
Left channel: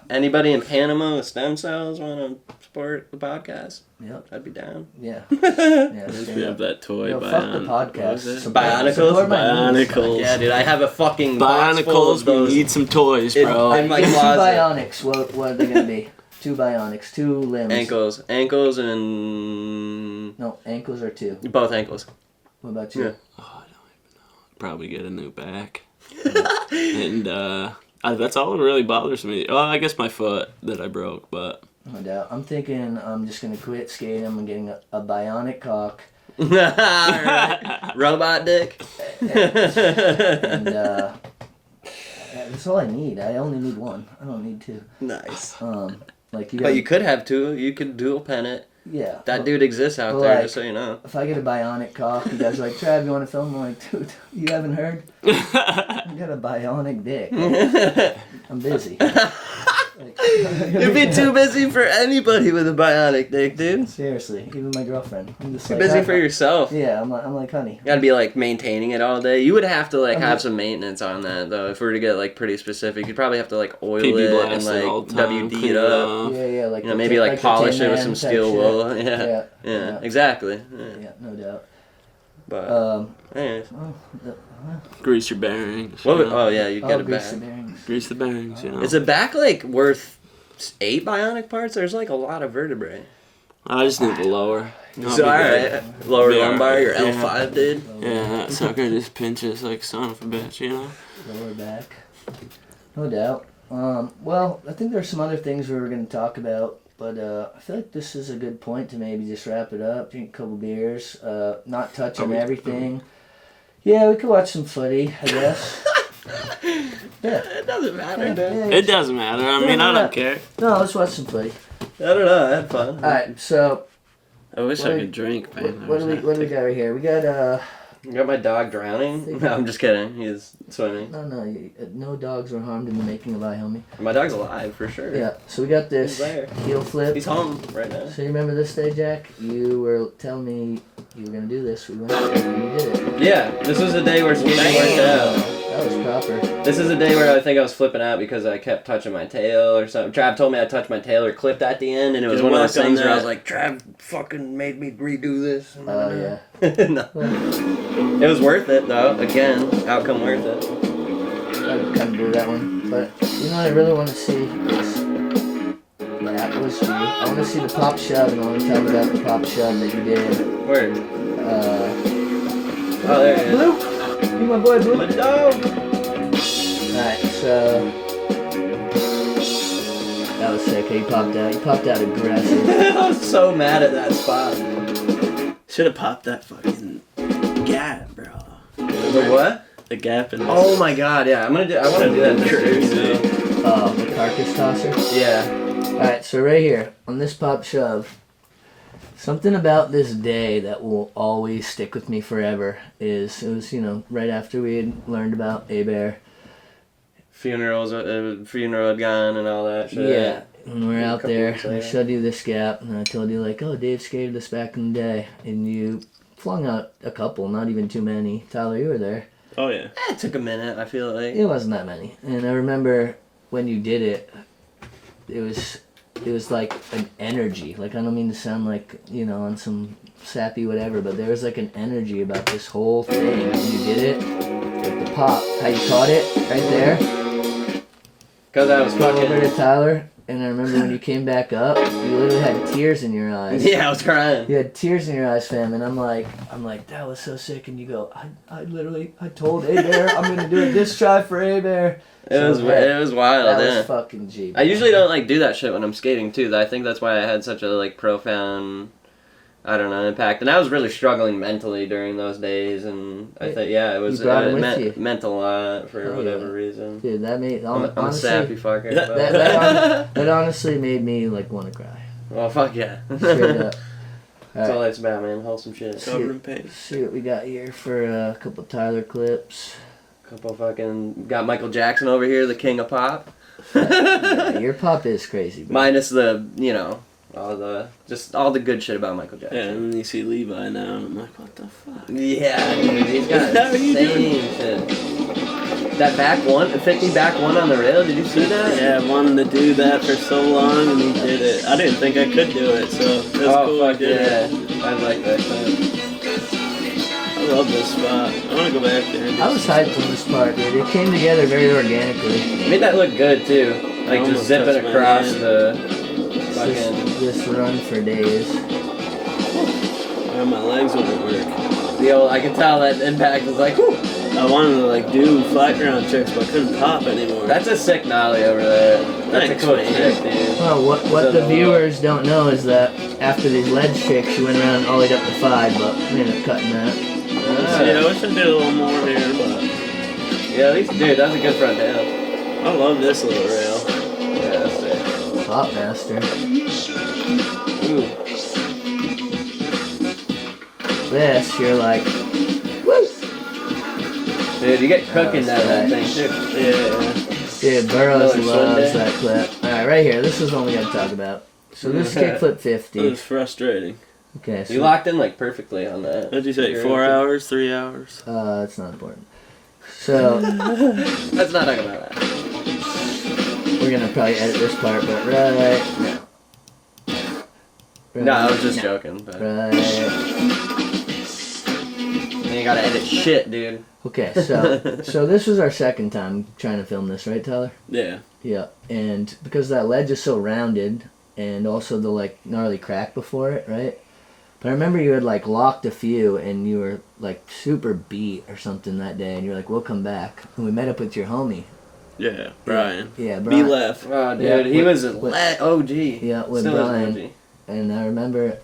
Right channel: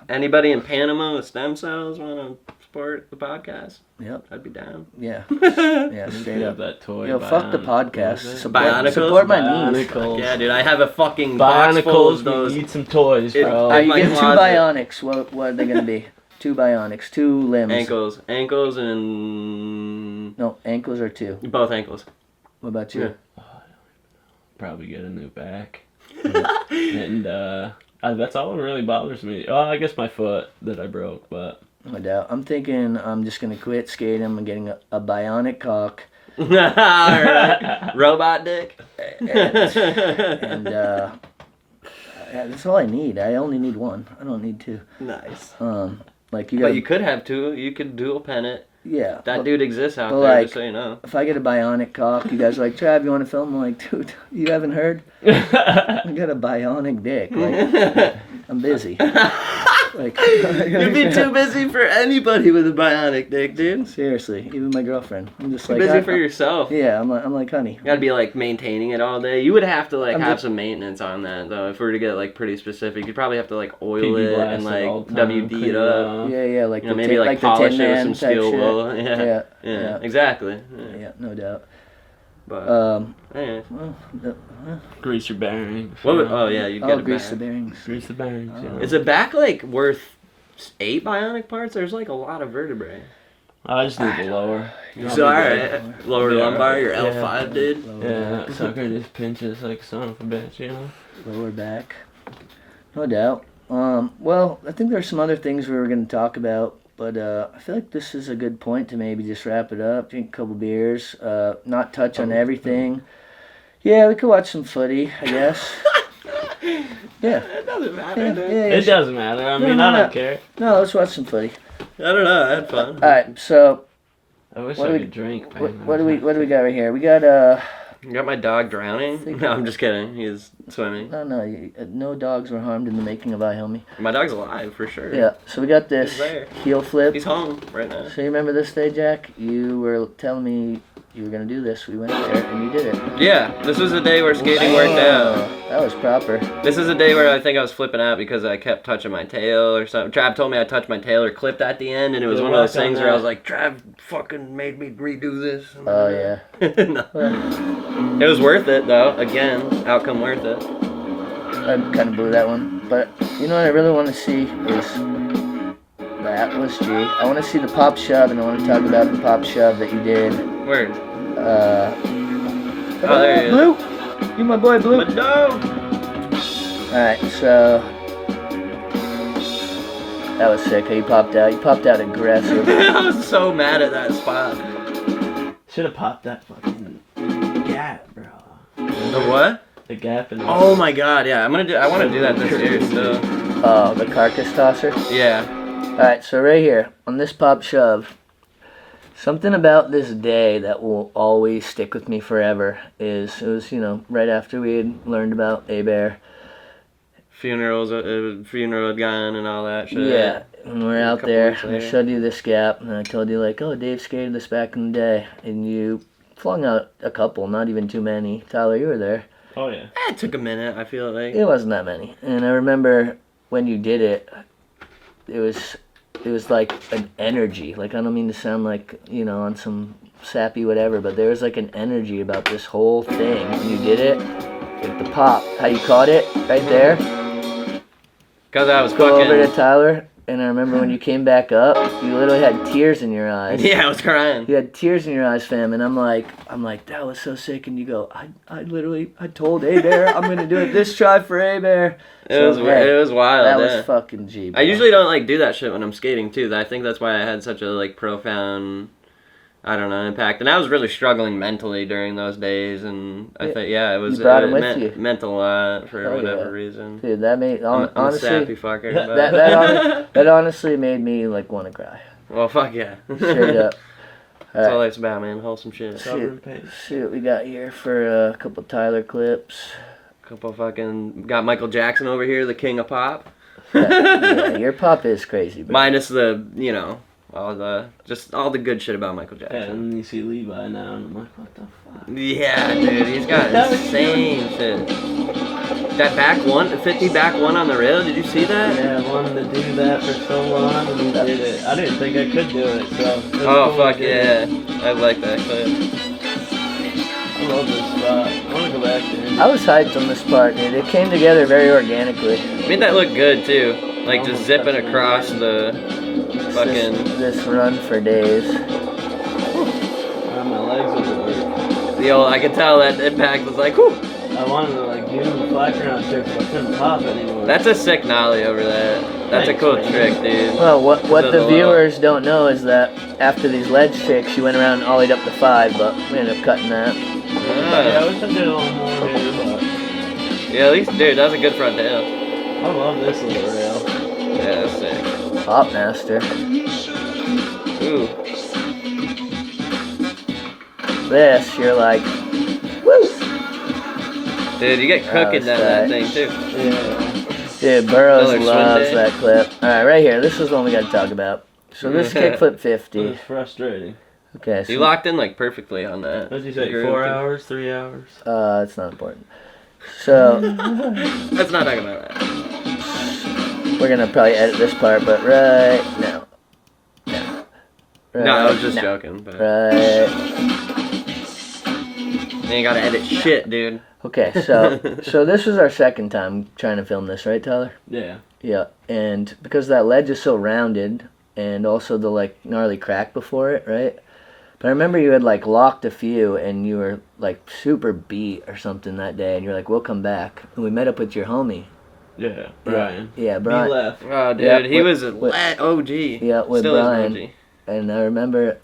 Anybody in Panama with stem cells want to support the podcast? Yep, I'd be down. Yeah. Yeah, straight up. That toy. Yo, fuck the podcast. Bionicles? Support my needs. Yeah, dude, I have a fucking box full of those. We need some toys, bro. You get 2 bionics. What are they gonna be? 2 bionics, 2 limbs. Ankles, and no, ankles are 2. Both ankles. What about you? Yeah. Oh, I don't even know. Probably get a new back. And that's all that really bothers me. Oh, I guess my foot that I broke, but. No doubt. I'm thinking I'm just gonna quit skating. I'm getting a bionic cock. Alright. Robot dick. And that's all I need. I only need 1. I don't need 2. Nice. Like but you could have 2. You could dual pen it. Yeah. That dude exists out there, like, just so you know. If I get a bionic cock, you guys are like, Trav, you want to film? I'm like, dude, you haven't heard? I got a bionic dick. Like, I'm busy. Like, you'd be too busy for anybody with a bionic dick, dude. Seriously, even my girlfriend. I'm just You're like, busy for yourself. Yeah, I'm like, honey. You gotta be like maintaining it all day. You would have to like have some maintenance on that though. If we were to get like pretty specific, you'd probably have to like oil it and like WD it up. Yeah, like maybe like polish it with some steel wool. Yeah, exactly. Yeah, no doubt. But anyways. Grease your bearings. Oh yeah, you got grease the bearings. Grease the bearings. You know. Is a back like worth 8 bionic parts? There's like a lot of vertebrae. I just need the lower. So alright, lower lumbar, your L5, dude. Yeah, that sucker just pinches like son of a bitch, you know. Lower back, no doubt. Well, I think there's some other things we were going to talk about, but I feel like this is a good point to maybe just wrap it up. Drink a couple beers, not touch on everything. Yeah, we could watch some footy, I guess. Yeah. It doesn't matter. It doesn't matter. I mean, I don't care. No, let's watch some footy. I don't know. I had fun. All right, so. I wish I could drink, man. What do we got right here? We got You got my dog drowning? No, I'm just kidding. He's swimming. No dogs were harmed in the making of iHomie. My dog's alive for sure. Yeah. So we got this heel flip. He's home right now. So you remember this day, Jack? You were telling me you were gonna do this. We went there and you did it. Yeah. This was the day where skating worked out. That was proper. This is the day where I think I was flipping out because I kept touching my tail or something. Trav told me I touched my tail or clipped at the end, and it was one of those things where I was like, Trav fucking made me redo this. Oh yeah. No. It was worth it though. Again, outcome worth it. I kind of blew that one, but you know what I really want to see is the Atlas G. I want to see the pop shove, and I want to talk about the pop shove that you did. Where? Oh, there you go. Blue. You my boy Blue. My dog. Alright, so that was sick. He popped out. You popped out aggressive. I was so mad at that spot. Should have popped that fucking gap, bro. The what? The gap in. Oh my god, yeah. I want to do that too. Oh, the carcass tosser? Yeah. Alright, so right here, on this pop shove, something about this day that will always stick with me forever is, it was, right after we had learned about A-Bear. Funeral had gone and all that shit. Yeah, and we're out there, weeks I later. showed you this gap, and I told you like, oh, Dave skated this back in the day, and you flung out a couple, not even too many. Tyler, you were there. Oh yeah. It took a minute, I feel like. It wasn't that many, and I remember when you did it, it was like an energy. Like, I don't mean to sound like, on some sappy whatever, but there was like an energy about this whole thing. When you did it, like the pop, how you caught it right there. Because I was Go over fucking... to Tyler, and I remember when you came back up, you literally had tears in your eyes. Yeah, I was crying. You had tears in your eyes, fam, and I'm like, that was so sick. And you go, I told A-Bear I'm gonna do it this try for A-Bear. It was wild. That yeah. was fucking G. I usually don't like do that shit when I'm skating too. I think that's why I had such a like profound, I don't know, impact. And I was really struggling mentally during those days, and I think it was You brought it with you. meant a lot for Hell whatever yeah. reason. Dude, that made I'm a honestly sappy fucker. that honestly made me like want to cry. Well, fuck yeah. Straight up. That's all it's about, man. Wholesome shit. See what we got here for a couple Tyler clips. Couple fucking got Michael Jackson over here, the king of pop. Yeah, your pop is crazy, bro. Minus the all the good shit about Michael Jackson. Yeah, and then you see Levi now, and I'm like, what the fuck? Yeah, dude, he's got insane shit. That back one, the 50 back one on the rail, did you see that? Yeah, I wanted to do that for so long, and he did it. I didn't think I could do it, so. That's Oh, cool fuck he did yeah. it. I like that clip. I love this spot. I want to go back there. I was hyped on this part, dude. It came together very organically. Made that look good, too. Like, just Almost zipping touched my across hand. the fucking... This run for days. My legs wouldn't work. The old, I could tell that impact was like, whew. I wanted to like do flat ground tricks, but I couldn't pop anymore. That's a sick nollie over there. That's Thanks, a cool man. trick, dude. Well, what So, the viewers don't know is that after these ledge tricks, she went around and ollied up to 5, but we ended up cutting that. Yeah, I wish I did a little more here, but Yeah, at least, dude, that's a good front down. I love this little rail. Yeah, that's sick. Pop master. Ooh. This, you're like, woo! Dude, you get cooking down that thing, too. Yeah. Dude, Burroughs Miller loves Swinde. that clip. Alright, right here. This is one we gotta talk about. So this is kickflip It 50. was frustrating. Okay, You so locked in, like, perfectly on that. What'd you say? You're 4 okay. hours? 3 hours? it's not important. So Let's not talk about that. we're gonna probably edit this part, but right now. Right No, I was just now. joking, but... Right. You ain't gotta edit shit, dude. Okay, so this was our second time trying to film this, right, Tyler? Yeah. Yeah, and because that ledge is so rounded, and also the like gnarly crack before it, right? But I remember you had like locked a few, and you were like super beat or something that day, and you're like, "We'll come back." And we met up with your homie. Yeah. Brian. Yeah, He Brian. left. Oh, dude, Yeah, he was with- a OG. Yeah, with Still Brian. is OG. And I remember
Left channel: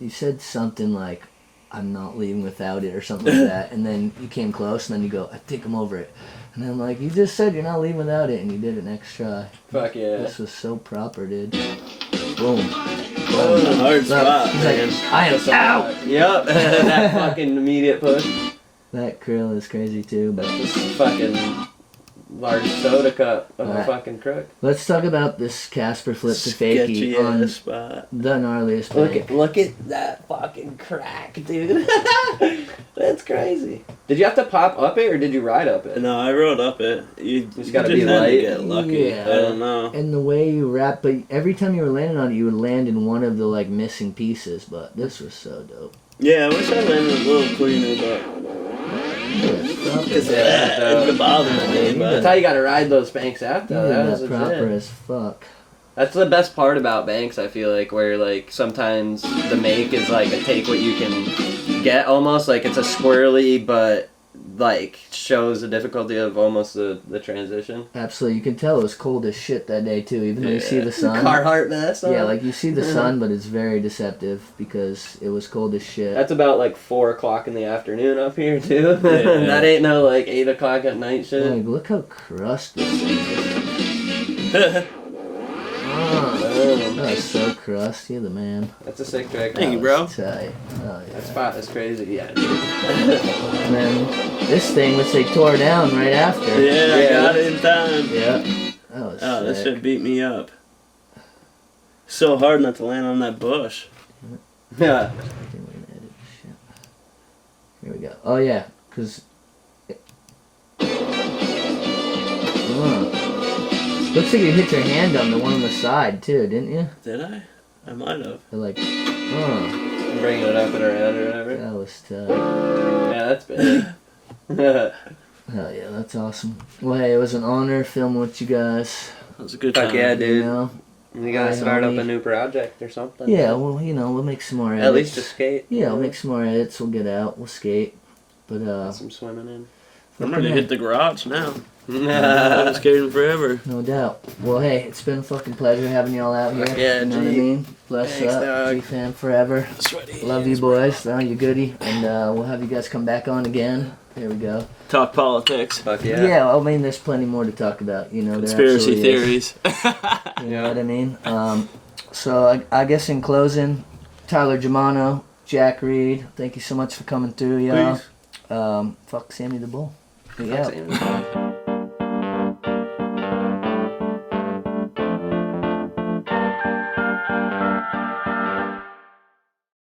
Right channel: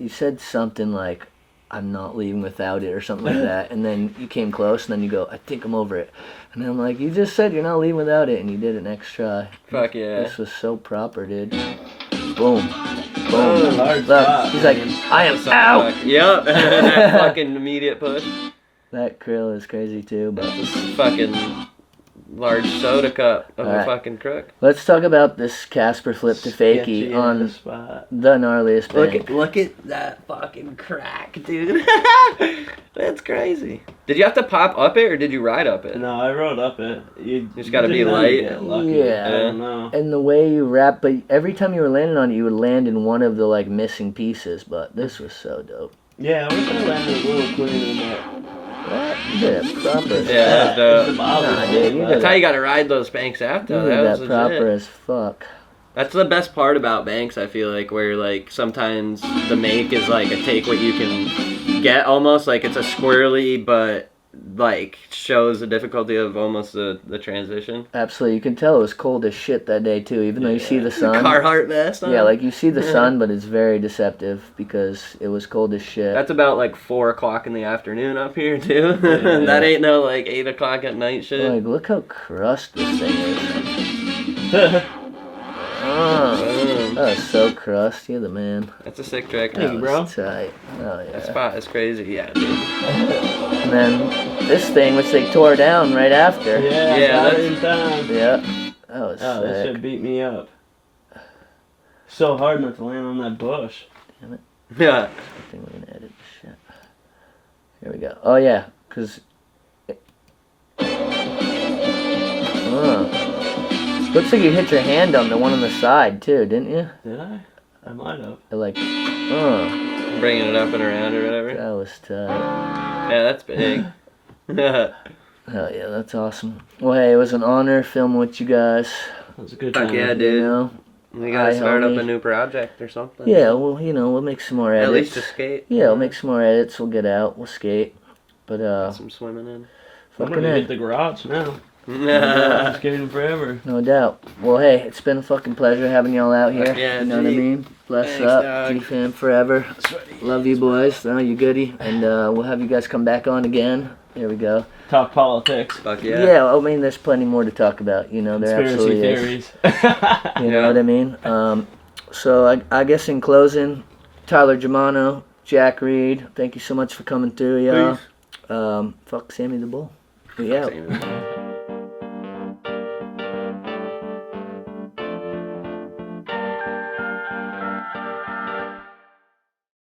you said something like, "I'm not leaving without it" or something like that. And then you came close, and then you go, "I think I'm over it." And I'm like, "You just said you're not leaving without it," and you did it next try. Fuck yeah. This was so proper, dude. Boom. That was a hard Look, spot. he's like, man. "I am out." Yep, that fucking immediate push. That curl is crazy too, but This fucking large soda cup of a Alright. fucking crook. let's talk about this Casper flip to Sketchy fakie on ass spot. the gnarliest thing. Look at that fucking crack, dude. That's crazy. Did you have to pop up it or did you ride up it? No, I rode up it. You just gotta be had to light. Get lucky. Yeah. I don't know. And the way you wrap, but every time you were landing on it, you would land in one of the like missing pieces. But this was so dope. Yeah, I wish I landed a little cleaner, Yeah, proper. but Yeah, it's the bother Nah, me. dude, you That's how you gotta ride those banks out though. That was that proper legit. as fuck. That's the best part about banks, I feel like, where like sometimes the make is like a take what you can get almost, like it's a squirrely but like shows the difficulty of almost the transition. Absolutely. You can tell it was cold as shit that day too, even though you see the sun. Carhartt vest on. Yeah, like you see the sun, but it's very deceptive because it was cold as shit. That's about like 4 o'clock in the afternoon up here too. Yeah. That ain't no like 8 o'clock at night shit. Like, look how crust this thing is. That was so crusty. You're the man. That's a sick track. Thank you, bro. Tight. Oh, yeah. That spot is crazy. Yeah, dude. And then this thing, which they tore down right after. Yeah, got it in time. Yeah. That was Oh, this sick. should beat me up. So hard not to land on that bush. Yeah. I think we can edit shit. Here we go. Oh, yeah. Because... Looks like you hit your hand on the one on the side, too, didn't you? Did I? I might have. Like, Bringing it up and around or whatever. that was tough. Yeah, that's big. Hell yeah, that's awesome. Well, hey, it was an honor filming with you guys. That was a good Fuck time. yeah, You dude. know? We gotta start up homie. a new project or something. Yeah, well, you know, we'll make some more edits. At least to skate. Yeah, we'll make some more edits. We'll get out. We'll skate. But, Get some swimming in. I'm ready to hit the garage now. I've been skating forever. no doubt. Well, hey, it's been a fucking pleasure having y'all out here. Yeah, you know what I G. mean? Bless Thanks, up. dog. G-Fam forever. Sweaty. Love you boys. Oh, you goody. And we'll have you guys come back on again. There we go. Talk politics. Fuck yeah. Yeah, I mean, there's plenty more to talk about. You know, there Conspiracy absolutely is. theories. You know what I mean? So I guess in closing, Tyler Jermano, Jack Reed, thank you so much for coming through, y'all. Fuck Sammy the Bull. We Fuck out. Sammy.